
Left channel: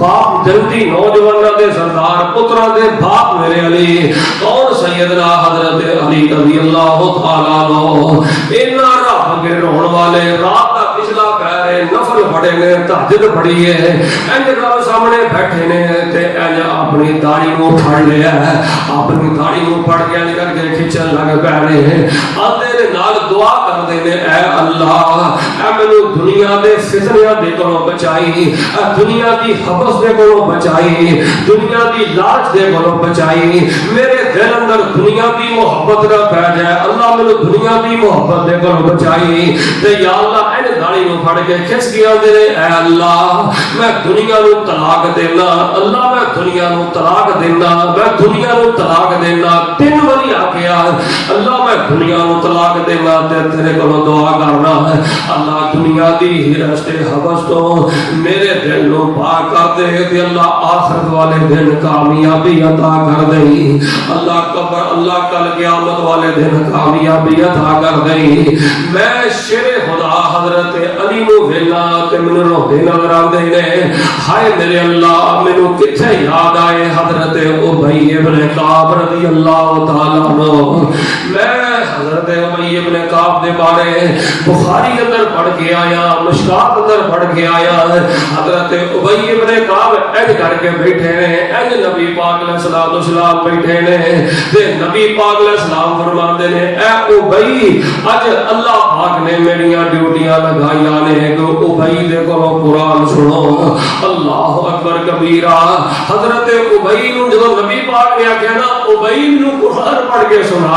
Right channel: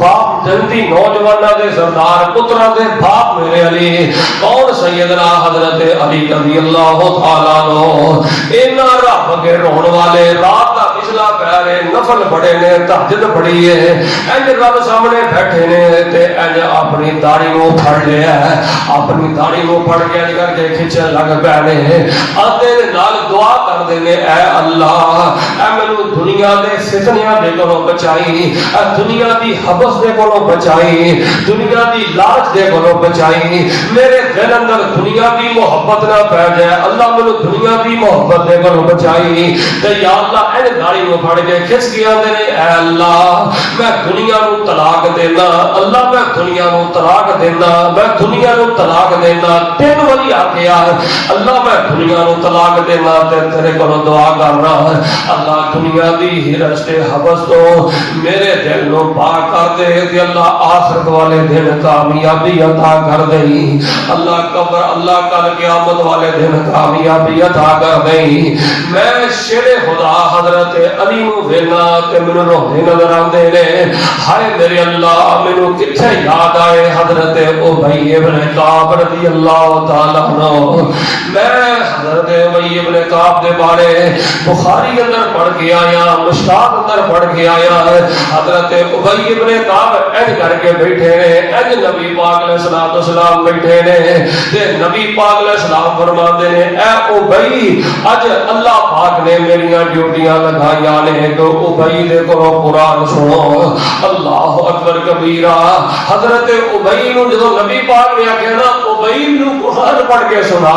باپ جنتی نوجواناں دے سردار، پتراں دے باپ میرے علی. کون سیدنا حضرت علی رضی اللہ تعالیٰ عنہ. اینا رب کے رون والے رات دا پچھلا پہر نفل پڑھے نے، تہجد پڑھی ہے، انج رب سامنے بیٹھے نے تے انج اپنی داڑھی نو پھڑ لیا ہے، اپنی داڑھی نو پھڑ کے انج کر کے کھچن لگ پے نے. آندے دے نال دعا کردے نے، اے اللہ اے مینوں دنیا دے فتنیاں دے کولوں بچائی، اے دنیا دی حبس دے کولوں بچائی، دنیا دی لالچ دے کولوں بچائی. میرے دل اندر دنیا دی محبت نہ پہ جائے، اللہ مینوں دنیا دی محبت دے کولوں بچائی. تے یا اللہ اے داڑھی نو پھڑ کے کھچ کے آندے نے، اے اللہ میں دنیا نو طلاق دینا، اللہ میں دنیا نو طلاق دینا، میں دنیا نو طلاق دینا. تین واری آکھیا اللہ میں دنیا نو طلاق دینا تے تیرے کولوں دعا کرنا اللہ دنیا دی ہرس تے حبس تو میرے دل نو پاک کر دے تے اللہ آخرت والے دن کامیابی عطا کر دے. اللہ قبر اللہ کل قیامت والے دن کامیابی عطا کر دے. میں شیر خدا حضرت علی نو ویلا تے مینوں روندے نظر آندے نے. ہائے میرے اللہ مینوں کتھے یاد آئے حضرت ابی ابن کعب رضی اللہ تعالی عنہ. میں حضرت ابی ابن کعب دے بارے بخاری اندر پڑھ کے آیا، مشکات اندر پڑھ کے آیا. حضرت ابی ابن کعب ایج کر کے بیٹھے نے، ایج نبی پاک علیہ الصلوۃ والسلام بیٹھے نے تے نبی پاک علیہ السلام فرماتے نے، اے ابی اج اللہ پاک نے میریاں ڈیوٹیاں لگائیاں نے کہ ابی دے کولوں قرآن سنو. اللہ اکبر کبیرہ. حضرت ابی نو جدوں نبی پاک نے آکھیا نا ابی نو قرآن پڑھ کے سنا،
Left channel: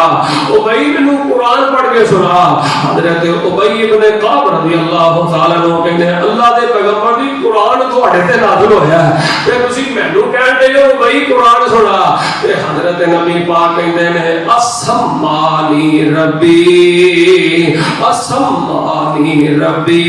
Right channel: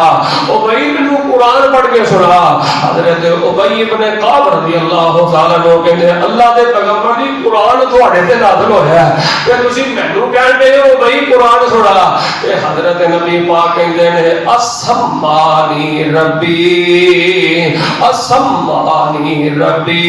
ابی نو قرآن پڑھ کے سنا. حضرت ابی ابن کعب رضی اللہ تعالی عنہ کہندے اللہ دے پیغمبر دی قرآن تواڈے تے نازل ہویا ہے تے تسی مینوں کہن دے ہو ابی قرآن سنا. تے حضرت نبی پاک کہندے نے اسمانی ربی، اسمانی ربی.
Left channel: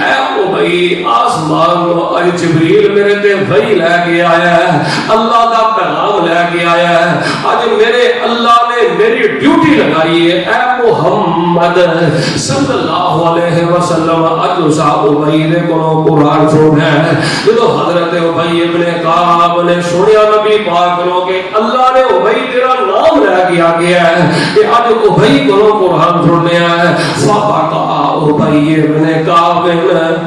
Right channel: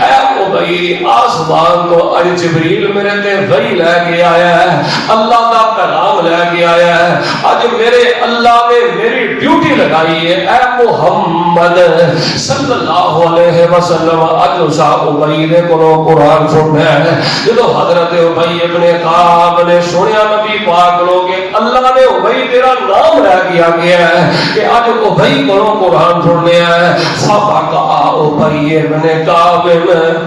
اے ابی آسمان کو اج جبریل میرے تے وحی لے کے آیا ہے، اللہ دا پیغام لے کے آیا ہے. اج میرے اللہ نے میری ڈیوٹی لگائی ہے، اے محمد صلی اللہ علیہ وسلم اج اسا ابی دے کولوں قرآن سننا ہے. جدوں حضرت ابی ابن کعب نے سنیا نبی پاک کو کہ اللہ نے ابی تیرا نام لے کے آ گیا ہے کہ اج ابی کولوں قرآن سننا ہے. فقا ابی ابن کعب،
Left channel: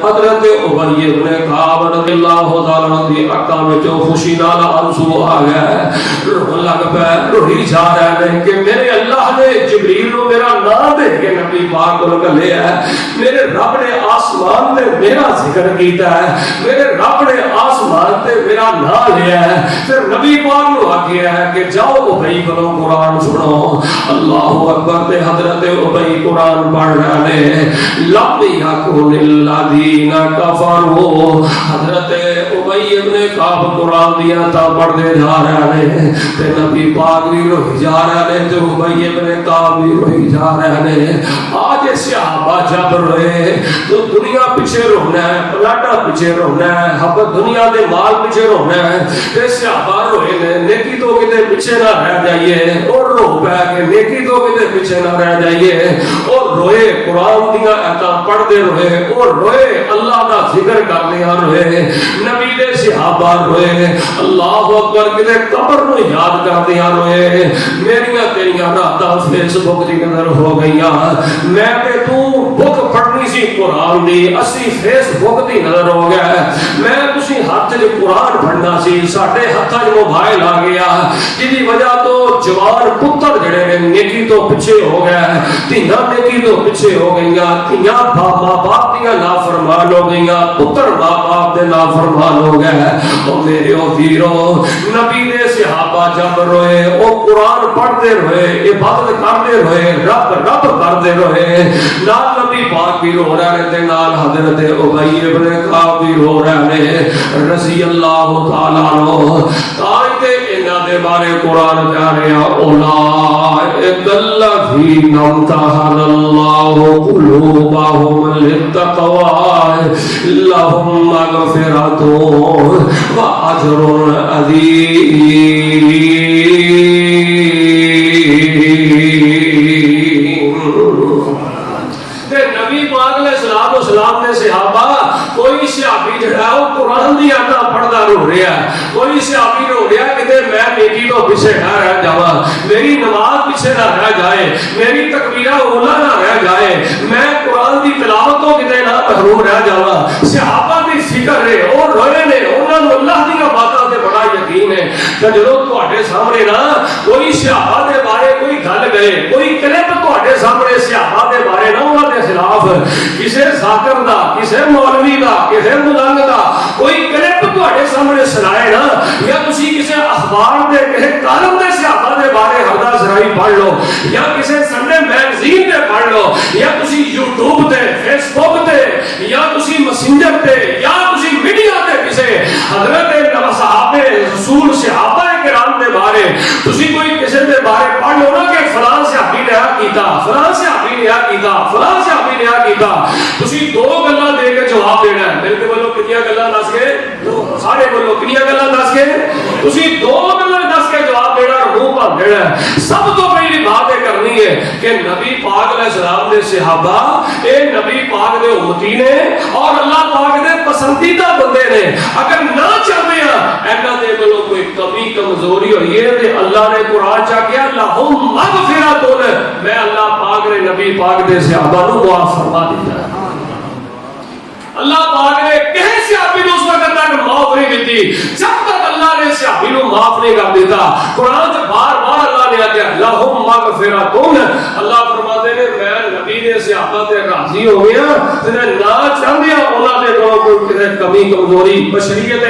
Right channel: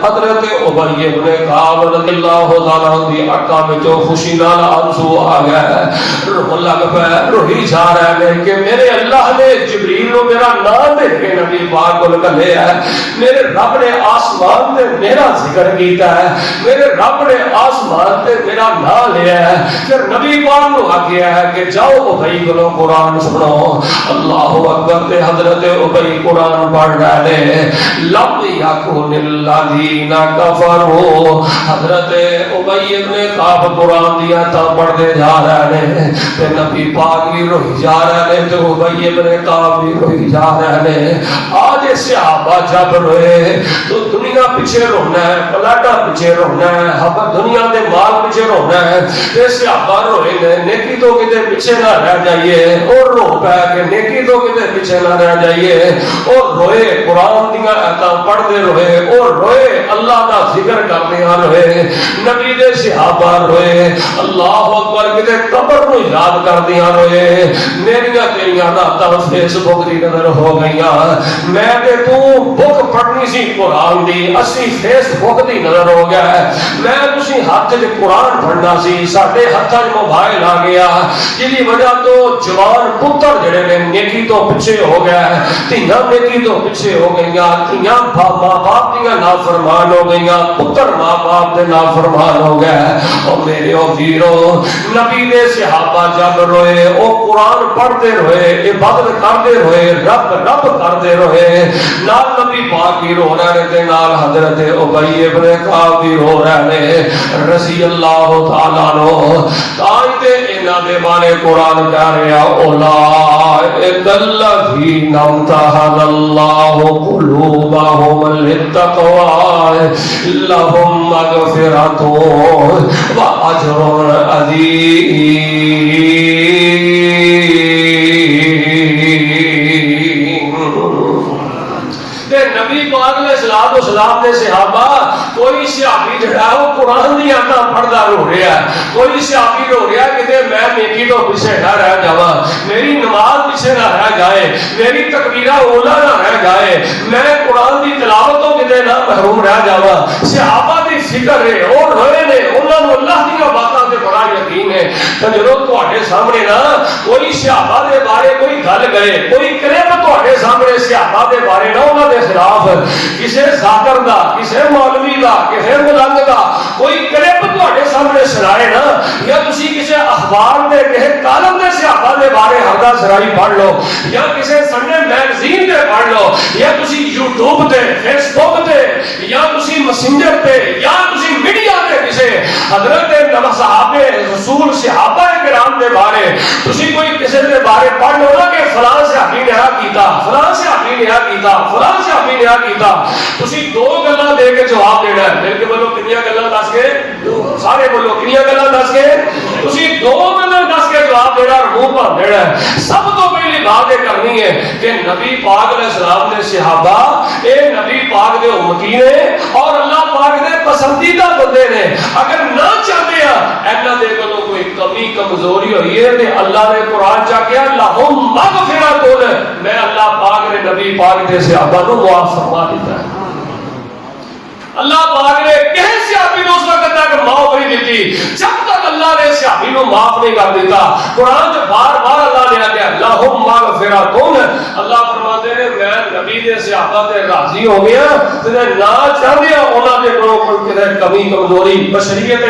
حضرت ابی ابن کعب رضی اللہ تعالی عنہ دی آنکھاں وچ خوشی نال آنسو آ گیا، رو لگ پیا، روئی جا رہے ہیں کہ میرے اللہ نے جبریل کو میرا نام دے کے نبی پاک کو گلے ہے. میرے رب نے آسمان میں میرا ذکر کیتا ہے، میرے رب نے آسمان میں میرا نام لیا ہے. پھر نبی پاک کو آگیا ہے کہ جاؤ ابی کو قرآن سنو. اللہ اکبر. تے حضرت ابی قرآن پڑھ رہے ہیں. لم یکن الذین کفروا. حضرت ابی ابن کعب قرآن دیا تھا پڑھتے جا رہے ہیں تے نبی پاک بھی روئی جا رہے ہیں تے ابی ابن کعب بھی روئی جا رہے ہیں. آج صحابہ جب روئے تو دنیا پیچھے رونا ہے، پلاٹا پیچھے رونا ہے، ہم دنیا دے مال پیچھے رونا ہے. تے صحابہ روئے نیکی تو کتے پیچھے نہ رہ جائیے، اور رو پہ کہ نیکی تو کتے پیچھے نہ رہ جائیے. اور روئے قرآن دیا آیتاں پڑھتے روئے، وہ روئے اللہ کا ذکر کرنے روئے، نبی دے صحابہ روئے، اللہ اکبر کتے قبر کو یاد کردیا روئے، میریاں تیریاں راتاں فیس بک دی نظر ہو گئیاں، میں کہ تو بک پڑھنی سی قرآن دی، اسی فیس بک دی نظر ہو گیا ہے، میں تسی ہاتھ جو قرآن پڑھنا سی، ساڑھے ہاتھ جو موبائل آ گیا، جی وجہ تو جوان پتر جڑے نے نیکی تو پچھے ہو گیا ہے، تینا نیکی تو پچھے ہو گئیاں، تینا ماں باپ دیا نافرمان ہو گئیاں، پتر ماں باپ دے نافرمان ہو گیا ہے، اور میرے او ویرو نبی دے صحابہ جب روئے، او قرآن پڑھتے روئے، عبادت کرتے روئے، رب رب کرتے روئے، نال نبی پاک بھی رو رہے تھے، نال حضرت ابی ابن کعب بھی رو رہے ہیں رضی اللہ تعالیٰ عنہ، آئیتے انہاں دے بارے قرآن کہہ رہا اولئک الذین امتحن اللہ قلوبہم للتقوی لہم مغفرۃ واجر عظیم۔ نبی پاک علیہ السلام نے صحابہ کوئی صحابی جڑا وہ قرآن دی آیتاں پڑھدا رو رہا ہے، کوئی صحابی رو رہا کہ میں نیکی تو پیچھے نہ رہ جاواں، میری نماز پیچھے نہ رہ جائے، میری تکبیرہ اولا نہ رہ جائے، میں قرآن دی تلاوت تو کتے نہ محروم رہ جاواں۔ صحابہ دی فکر ہے اور روئے نے، انہاں نوں اللہ دی باتاں تے بڑا یقین ہے کہ جدوں تواڈے سامنے نا کوئی صحابہ دے بارے کوئی گل کرے، کوئی کرے تو تواڈے سامنے صحابہ دے بارے نہ انہاں دے خلاف کسے ذاکر دا، کسے مولوی دا، کسے مدنگ دا کوئی کلپ تواڈے سامنے سنائے نا، یا تسی کسے اخبار دے کسے کالم دے صحابہ دے بارے ہردا سرائی پڑھ لو، یا کسے سنڈے میگزین دے پڑھ لو، یا تسی یوٹیوب تے، فیس بک تے، یا تسی میسنجر تے، یا تسی میڈیا تے کسے حضرت صحابہ رسول صحابہ کرام دے بارے تسی کوئی کسے دے بارے پڑھ لو نا کہ فلاں صحابی نے آ کیتا، فلاں صحابی نے آ کیتا، فلاں صحابی نے آ کیتا، تسی دو گلاں دے کے جواب دینا ہے، مل کے بولو کنیاں گلاں دس کے، سارے بولو کنیاں گلاں دس کے، تسی دو گلاں دس کے جواب دینا اور منہ بھر دینا ہے۔ سب تو پہلی بات یہ کرنی ہے کہ نبی پاک علیہ السلام دے صحابہ اے نبی پاک دے امتی نے اور اللہ پاک دے پسندیدہ بندے نے، اگر نہ چاہتے ہیں اینا دے کلو کوئی کمی کمزوری ہوئی ہے تے اللہ نے قرآن چاہ کیا لہم مغفرۃ، میں اللہ پاک نے نبی پاک دے صحابہ نو معاف فرما دیتا ہے۔ اللہ پاک نے کہیں صحابی نو اس وقت تک معاف نہیں دیتی جب تک اللہ نے صحابی نو معاف نہیں کر دیتا۔ قرآن جو بار بار اللہ نے کہا لہم مغفرۃ، اللہ فرماتے ہیں میں نبی دے صحابہ تے راضی ہو گیا تے نہ چاہیا انہاں دے کوئی کدے کمی کمزوری، بشریت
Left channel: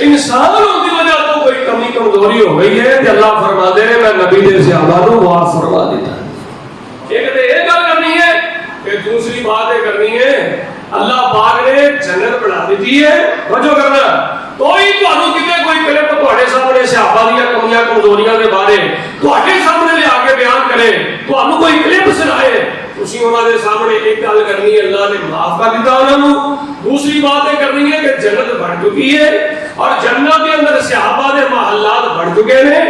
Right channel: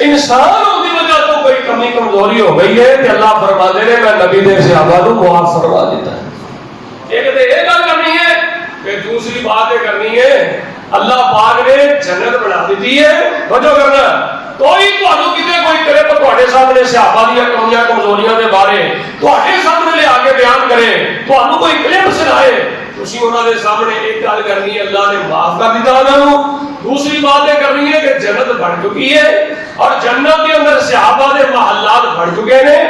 انسان ہونے کی وجہ تو کوئی کمی کمزوری ہو گئی ہے تے اللہ فرماتے ہیں میں نبی دے صحابہ نو معاف فرما دیتا ہے۔ ایک تے یہ گل کرنی ہے کہ دوسری بات یہ کرنی ہے اللہ پاک نے جنت بنا دیتی ہے، وجہ کرنا کوئی تانوں کتے کوئی کرے تو تواڈے سامنے صحابہ دیاں کمیاں کمزوریاں دے بارے تواڈے سامنے لے آ کے بیان کرے، تانوں کوئی کلپ سنائے، تسی انہاں دے سامنے ایک گل کرنی ہے اللہ نے معاف کر دیتا انہاں نوں۔ دوسری بات یہ کرنی ہے کہ جنت بن چکی ہے اور جنت کے اندر صحابہ دے محلات بن چکے ہیں۔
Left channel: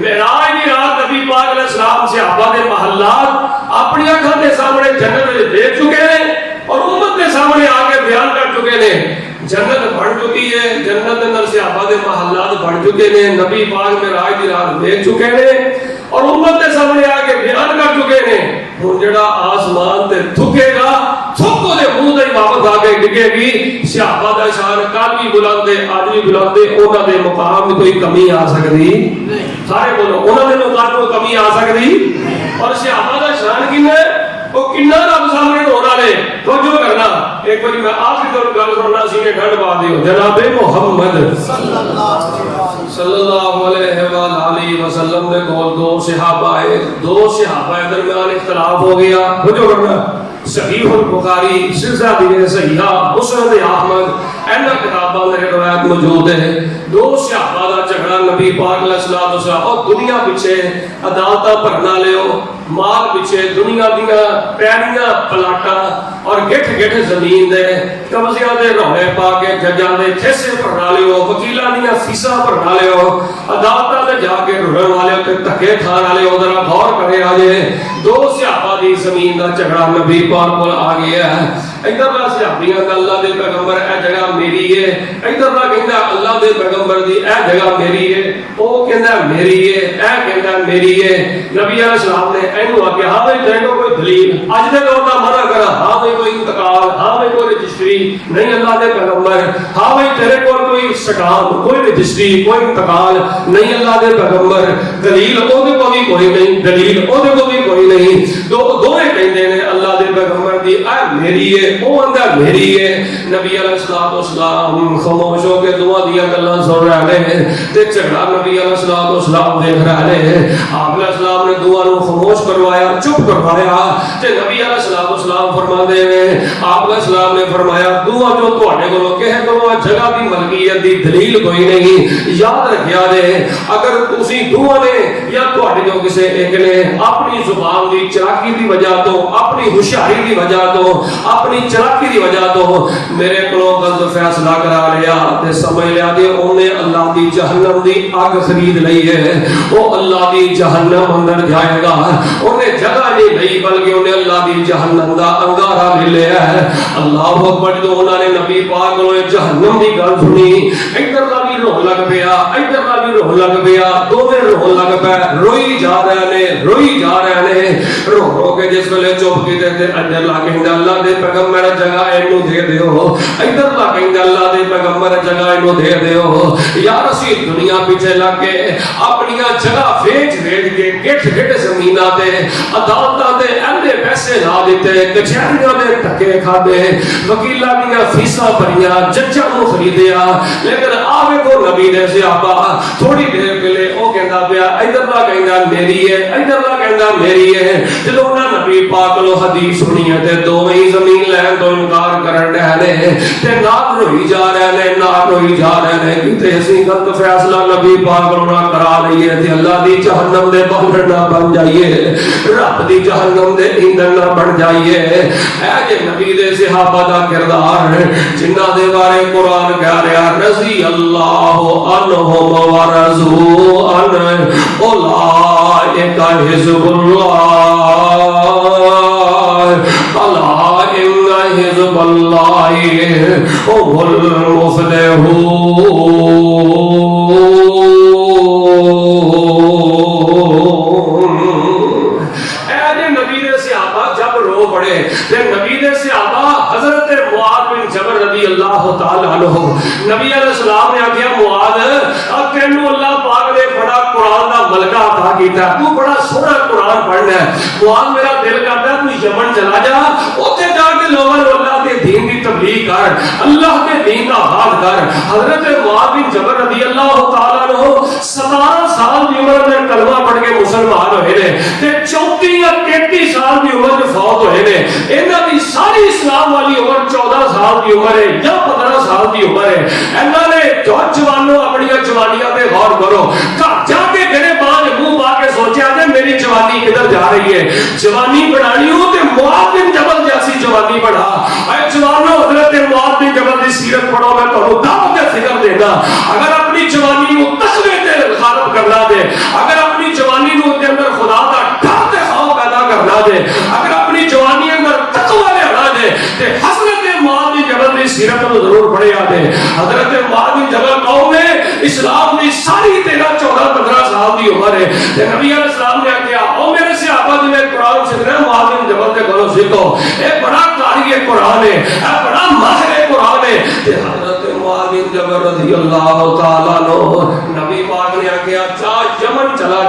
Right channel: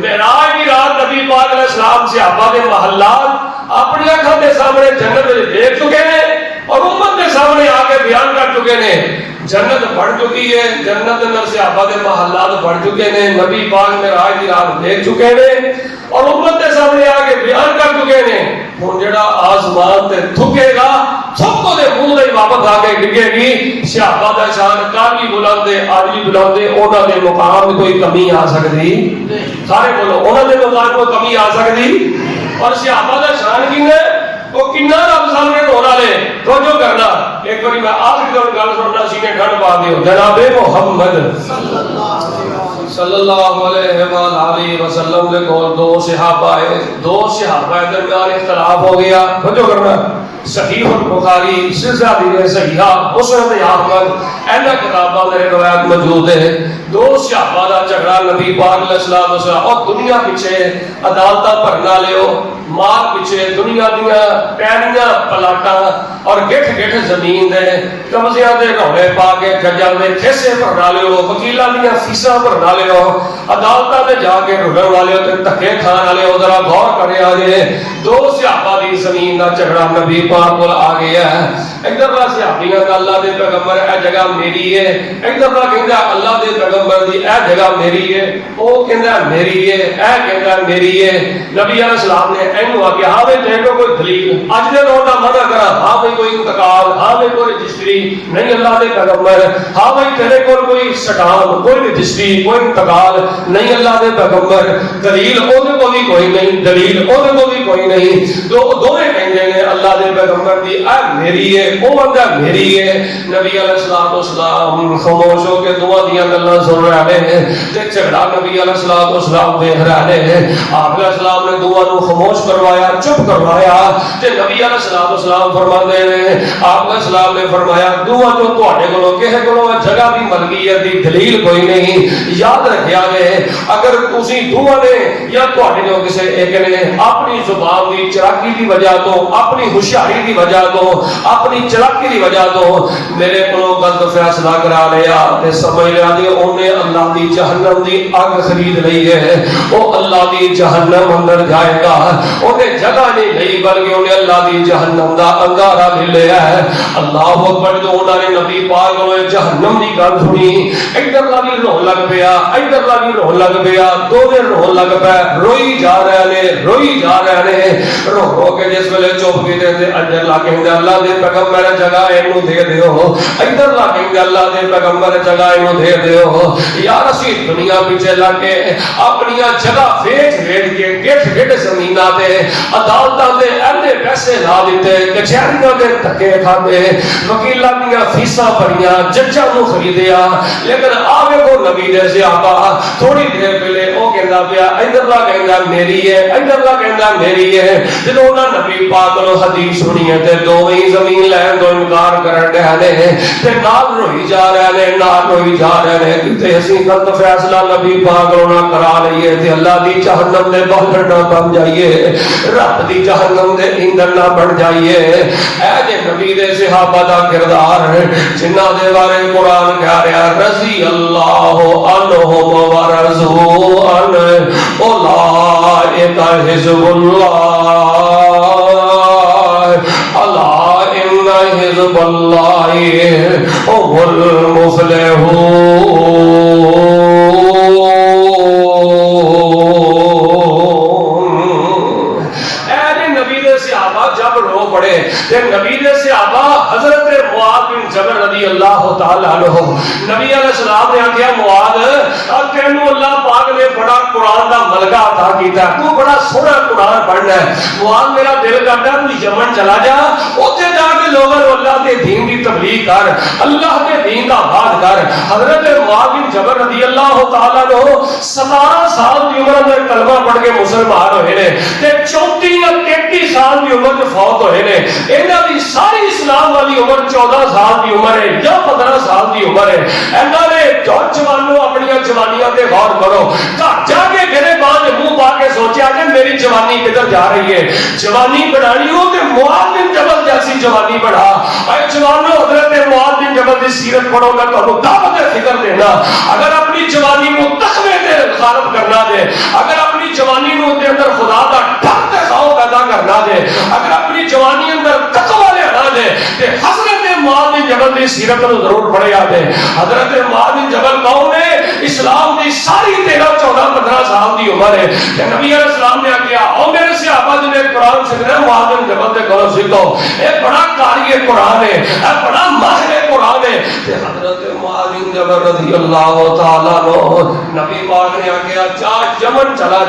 معراج کی رات نبی پاک علیہ السلام صحابہ دے محلات اپنی آنکھوں کے سامنے جنت دیکھ چکے ہیں اور امت کے سامنے آ کے بیان کر چکے ہیں۔ جنت بڑھ چکی ہے، جنت اندر صحابہ دے محلات بڑھ چکے ہیں، نبی پاک معراج کی رات دیکھ چکے ہیں اور امت کے سامنے آ کے بیان کر چکے ہیں۔ ہن جڑا آسمان تے تھکے گا تھکو دے منہ دے واپس آ کے ڈگے گی، صحابہ دا شان کل بھی بلند ہے اج بھی بلند ہے، انہاں دے مقام کوئی کمی آ سکتی سارے بولو انہاں دے مقام کوئی کمی آ سکتی، اور صحابہ دا شان کن ہے وہ کنہ رب سامنے ہونا لے توجہ کرنا۔ ایک باری میں آخری طور گل سننا سینے ٹھنڈ پا دیو جناب محمد صلی اللہ علیہ وآلہ وسلم نے کول دو صحابہ درمیان اختلاف ہو گیا، توجہ کرنا۔ صحیح البخاری، سلسلہ صحیحہ، مسند احمد اینا کتاباں میں روایت موجود ہے۔ دو صحابہ دا جھگڑا نبی پاک علیہ السلام اور دنیا پیچھے عدالتاں بھرنا لیو، مال پیچھے دنیا دیاں پیریاں پلاٹاں اور گٹھ گٹھ زمین دے قبضیاں دے روڑے پا کے ججاں دے کیسے بھرنا لیو، وکیلاں دیاں فیساں بھرنا لیو، عدالتاں تے جا کے رڑن والے تے دھکے کھان والے ذرا غور کرے آ جے۔ دو صحابہ دی زمین زمین کا جھگڑا نبی پاک کو آ گیا ہے ادھر کا صحابیاں کا اللہ دے پیغمبر اے جگہ میری ہے ادھر کا کہندا اللہ دے پیغمبر دی اے جگہ میری ہے او کہندا میری ہے اے کہندا میری ہے نبی علیہ السلام نے اینو آ کہ ہاں بھائی تینوں کوئی دلیل اج نے لوگ منع کرا ہاں بھائی کوئی انتقال ہاں بھائی کوئی رجسٹری نہیں اللہ دے پیغمبر ہاں بھائی تیرے کو کوئی سٹام کوئی رجسٹری کوئی انتقال نہیں اللہ دے پیغمبر دلیل او دے کو بھی کوئی نہیں دلیل او دے کو بھی کوئی نہیں دوویں کہندے نے اللہ دے پیغمبر دی اے میری ہے او بندہ میری ہے نبی علیہ السلام خاموش ہو کے دعا دیاں گلاں سن رہے ہیں تے جھگڑا نبی علیہ السلام دیکھ رہے ہیں آپ علیہ السلام نے دعا نو خاموش کروایا چپ کروایا تے نبی علیہ السلام فرماندے نے آپ علیہ السلام نے فرمایا دعا جو تواڈے کولوں کہے کولوں جگہ دی ملکیت دی دلیل کوئی نہیں یاد رکھیا جے اگر تسی دعا نے یا تواڈے جو کسے ایک نے اپنی زبان دی چلاکی دی وجہ تو اپنی ہوشیاری دی وجہ تو اپنی چلاکی دی وجہ تو میرے کولوں غلط فیصلہ کرا لیا تے سمجھ لیا کہ اونے اللہ دی جہنم دی آگ خرید لئی ہے او اللہ دی جہنم اندر جائے گا اونے جگہ نہیں لئی بلکہ اونے اللہ دی جہنم دا انگارہ مل لیا ہے اللہ اکبر تو انہوں نے نبی پاک کو جہنم دی گل سنی ادھر کا بھی روح لگ پیا ادھر کا بھی روح لگ پیا دونوں روح لگ پیا روئی جا رہے نے رو رو کے جس ویلے چپ کے دے اندر لا کے اللہ دے پیغمبر جگہ اینو دے دیو ادھر لا کے اللہ دے پیغمبر جگہ اینو دے دیو یار اسی دنیا پیچھے لگ کے اپنی جگہ ویچ کے گٹھ زمیناں تے عدالتاں دے اینے پیسے لا دیتے کچہریاں دے دھکے کھاتے وکیلاں دیاں فیساں بھریاں ججاں نوں خریدیا لیکن آوے کو نبی دے صحابہ تھوڑی دیر پہلے او کہندا پیا ادھر دا کہندا میری ہے ادھر دا کہندا میری ہے جدوں انہاں نبی پاک کو حدیث سنی ہے تے دوویں زمین لین تو انکار کرن دے تے نال روئی جا رہے ہیں کہ اسی غلط فیصلہ نبی پاک نے کرا رہی ہے تے اللہ دی جہنم دے باہر نہ بن جائیے رب دی جہنم دے ایندھن نہ بن جائیے اے جے نبی دے صحابہ دا کردار جنہاں دے بارے قرآن کہہ رہا رضی اللہ عنہم ورضوا عنہ اولئک حزب اللہ الا ان حزب اللہ هم المفلحون اے نبی دے صحابہ جب رو پڑے تے نبی دے صحابہ حضرت معاذ بن جبل رضی اللہ تعالی عنہ نبی علیہ السلام نے کہا معاذ تینوں اللہ پاک نے بڑا قرآن دا ملکہ عطا کیتا ہے تو بڑا سونا قرآن پڑھنا ہے معاذ میرا دل کرتا ہے تو یمن چلا جا اوتھے جا کے لوگوں کو اللہ کے دین کی تبلیغ کر اللہ کے دین کا بات کر حضرت معاذ بن جبل رضی اللہ تعالی عنہ 17 سال کی عمر میں کلمہ پڑھ کے مسلمان ہوئے نے تے 34 یا 33 سال کی عمر میں فوت ہوئے نے انہاں دی ساری اسلام والی عمر 14 سال کی عمر ہے یا 15 سال کی عمر ہے انہاں نے جوانوں اپنی جوانیاں تے غور کرو گھر جا کے گھرے باندھ منہ پا کے سوچا کہ میری جوانی کدھر جا رہی ہے جوانی بڑھانی ہو تے معاذ بن جبل جیسی جوانی بڑھا اے جوانوں حضرت معاذ بن جبل دی سیرت پڑھو گے تو دعوت فکر دینا اگر اپنی جوانی کو تقوی تے غالب کرنا دے اگر اپنی جوانی کو دے اندر خدا دا ڈر تے خوف پیدا کرنا دے اگر اپنی جوانی اندر تقوی لینا دے تے حضرت معاذ بن جبل دی سیرت کو ضرور پڑھیا دے حضرت معاذ بن جبل قوم نے اسلام کی ساری 13-14-15 سال کی عمر ہے نبی علیہ السلام نے کہا او میرے صحابہ جنہیں قرآن سیکھنا ہے معاذ بن جبل سے قرآن سیکھو یہ بڑا قاری قرآن ہے یہ بڑا ماہر قرآن ہے حضرت معاذ بن جبل رضی اللہ تعالیٰ عنہ نبی پاک نے کہا جا یمن چلا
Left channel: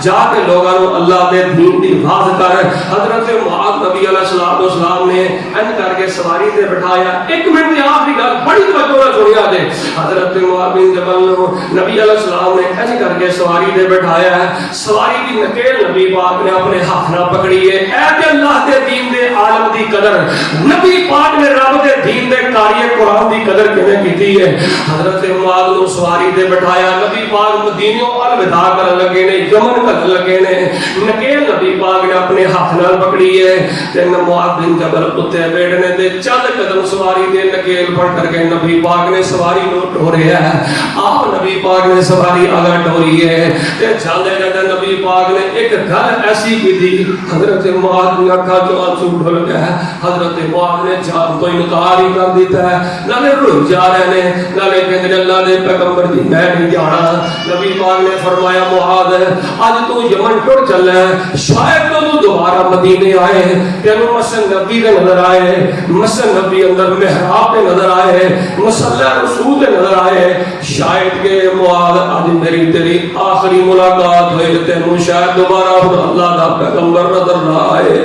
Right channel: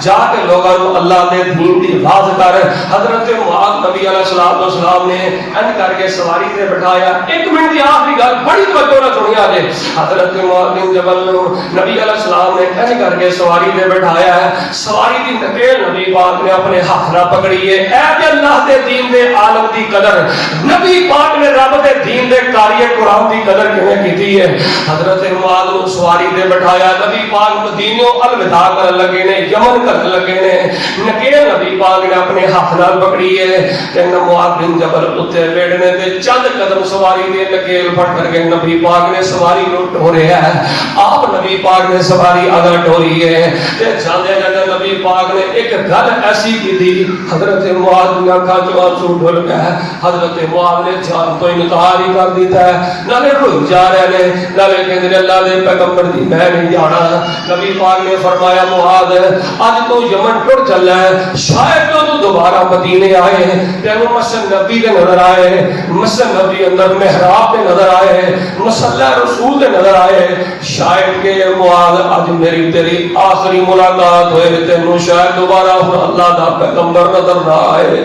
جا کے لوگوں کو اللہ دے دین دی واضح کر حضرت معاذ نبی علیہ السلام نے ان کر کے سواری تے بٹھایا ایک منٹ دی آخری گل بڑی توجہ نال سنیا جے حضرت معاذ بن جبل نبی علیہ السلام نے ان کر کے سواری تے بٹھایا ہے سواری دی نکیل نبی پاک نے اپنے ہاتھ نال پکڑی ہے اے تے اللہ دے دین دے عالم دی قدر نبی پاک نے رب دے دین دے قاری قرآن دی قدر کیویں کیتی ہے حضرت معاذ کو سواری تے بٹھایا نبی پاک مدینوں الوداع کرن لگے نے یمن کرن لگے نے نکیل نبی پاک نے اپنے ہاتھ نال پکڑی ہے تے معاذ بن جبل اتے بیٹھنے تے چند قدم سواری دے نکیل پھڑ کر کے نبی پاک نے سواری نو ڈھو رہا ہے آپ نبی پاک نے سواری آگے ڈھوئی ہے تے چاندے جڑے نبی نبی پاک نے ایک گل ایسی کی تھی حضرت معاذ نے کہا جو آنسو ڈھل گیا حضرت معاذ نے جان تو انکار ہی کر دیتا ہے نہ روئی جا رہے ہیں نہ کہ اللہ نے پیغمبر دی میں نہیں جانا نبی پاک نے فرمایا معاذ آج تو یمن ٹر چل ہے شاید تو دوبارہ مدینے آئے تینوں مسجد نبی دے نظر آئے مسجد نبی اندر محراب دے نظر آئے مصلی رسول دے نظر آئے شاید کہ معاذ آج میری تیری آخری ملاقات ہوئے تینوں شاید دوبارہ اللہ دا پیغمبر نظر نہ آئے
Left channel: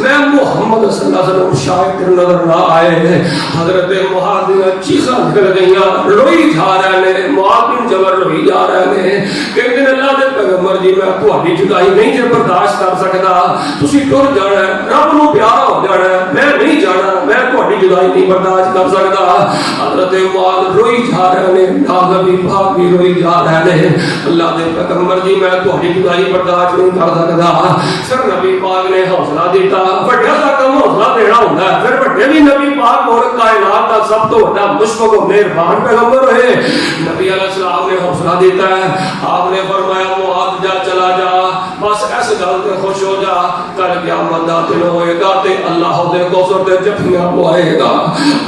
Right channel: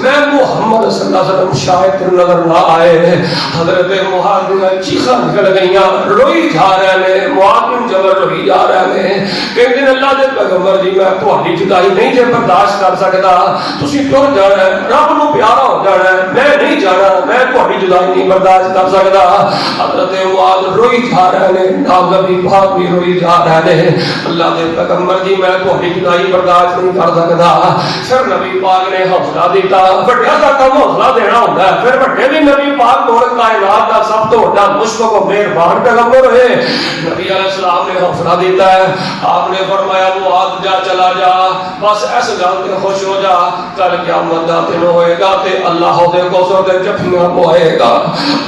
میں محمد صلی اللہ علیہ وسلم شاید نظر نہ آئے حضرت معاذ نے چیخاں نکل گئیاں روئی جا رہے ہیں معاذ بن جبل روئی جا رہے ہیں ایک دن اللہ دے پیغمبر جی میں تہاڈی جدائی نہیں جے برداشت کر سکدا تسی ٹر جانا ہے رب نو پیارا ہو جانا ہے میں نہیں جانا میں تہاڈی جدائی نہیں برداشت کر سکدا حضرت معاذ روئی جا رہے ہیں نبی پاک بھی روئی جا رہے ہیں اللہ دے پیغمبر جی میں تہاڈی جدائی برداشت نہیں کر سکدا پھر نبی پاک نے حوصلہ دیتا بڑا دا کم حوصلہ دینا ہوندا ہے پھر بڑے بھی نبی پاک اور کائنات کا سب تو بڑا مشفق و مہربان پیغمبر ہے نبی علیہ السلام نے حوصلہ دیتا ہے آپ نے فرمایا معاذ جا چلا جا بس ایسے گل تے خوش ہو جا کل قیامت دا دن ہوئے گا تے اللہ دے کوثر تے جفیاں پوائے گا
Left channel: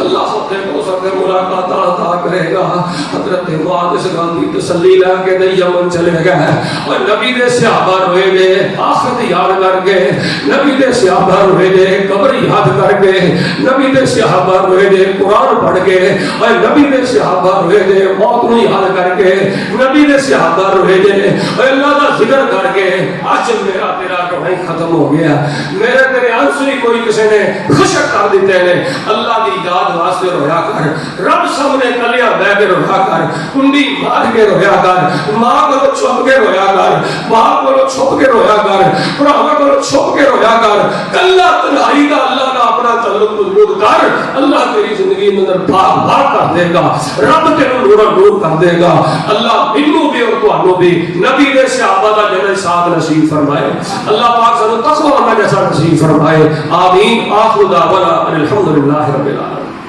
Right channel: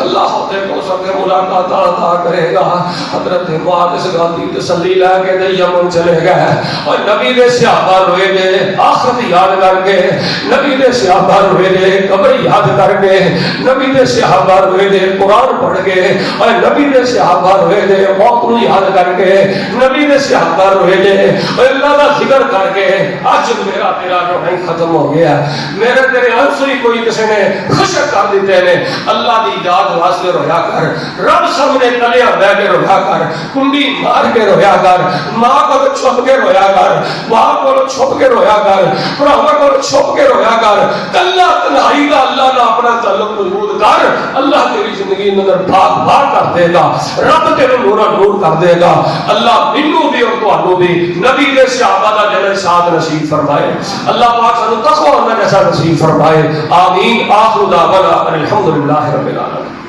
اللہ دے کوثر تے ملاقات عطا کرے گا حضرت معاذ اس گل دی تسلی لے کے یمن چلے گئے اور نبی دے صحابہ روئے گے آخرت یاد کر کے نبی دے صحابہ روئے گے قبر یاد کر کے نبی دے صحابہ روئے گے قرآن پڑھ کے اور نبی دے صحابہ روئے گے موت کو یاد کر کے نبی دے صحابہ روئے گے اور اللہ کا ذکر کر کے آج میرا تیرا رونا ختم ہو گیا میرے تیرے آنسو ہی کوئی کسی نے خشک کر دیتے ہیں اللہ دی یاد واسطے رویا کر رب سامنے تلیا بہ کے رویا کر کنڈی مار کے رویا کر ماں کو چھپ کے رویا کر باپ کو چھپ کے رویا کر بھراواں کو چھپ کے رویا کر کلا تنہائی کا اللہ کا اپنا تعلق مضبوط کر اللہ تیری زندگی میں بار کر دے گا رب تیرے نور کر دے گا اللہ منو بھی اور تانوں بھی نبی کے صحابہ کا جڑا ساتھ نصیب فرمائے اللہ پاک سانو تقوی ہونا جیسا نصیب فرمائے آمین آخر دعوانا الحمدللہ رب العالمین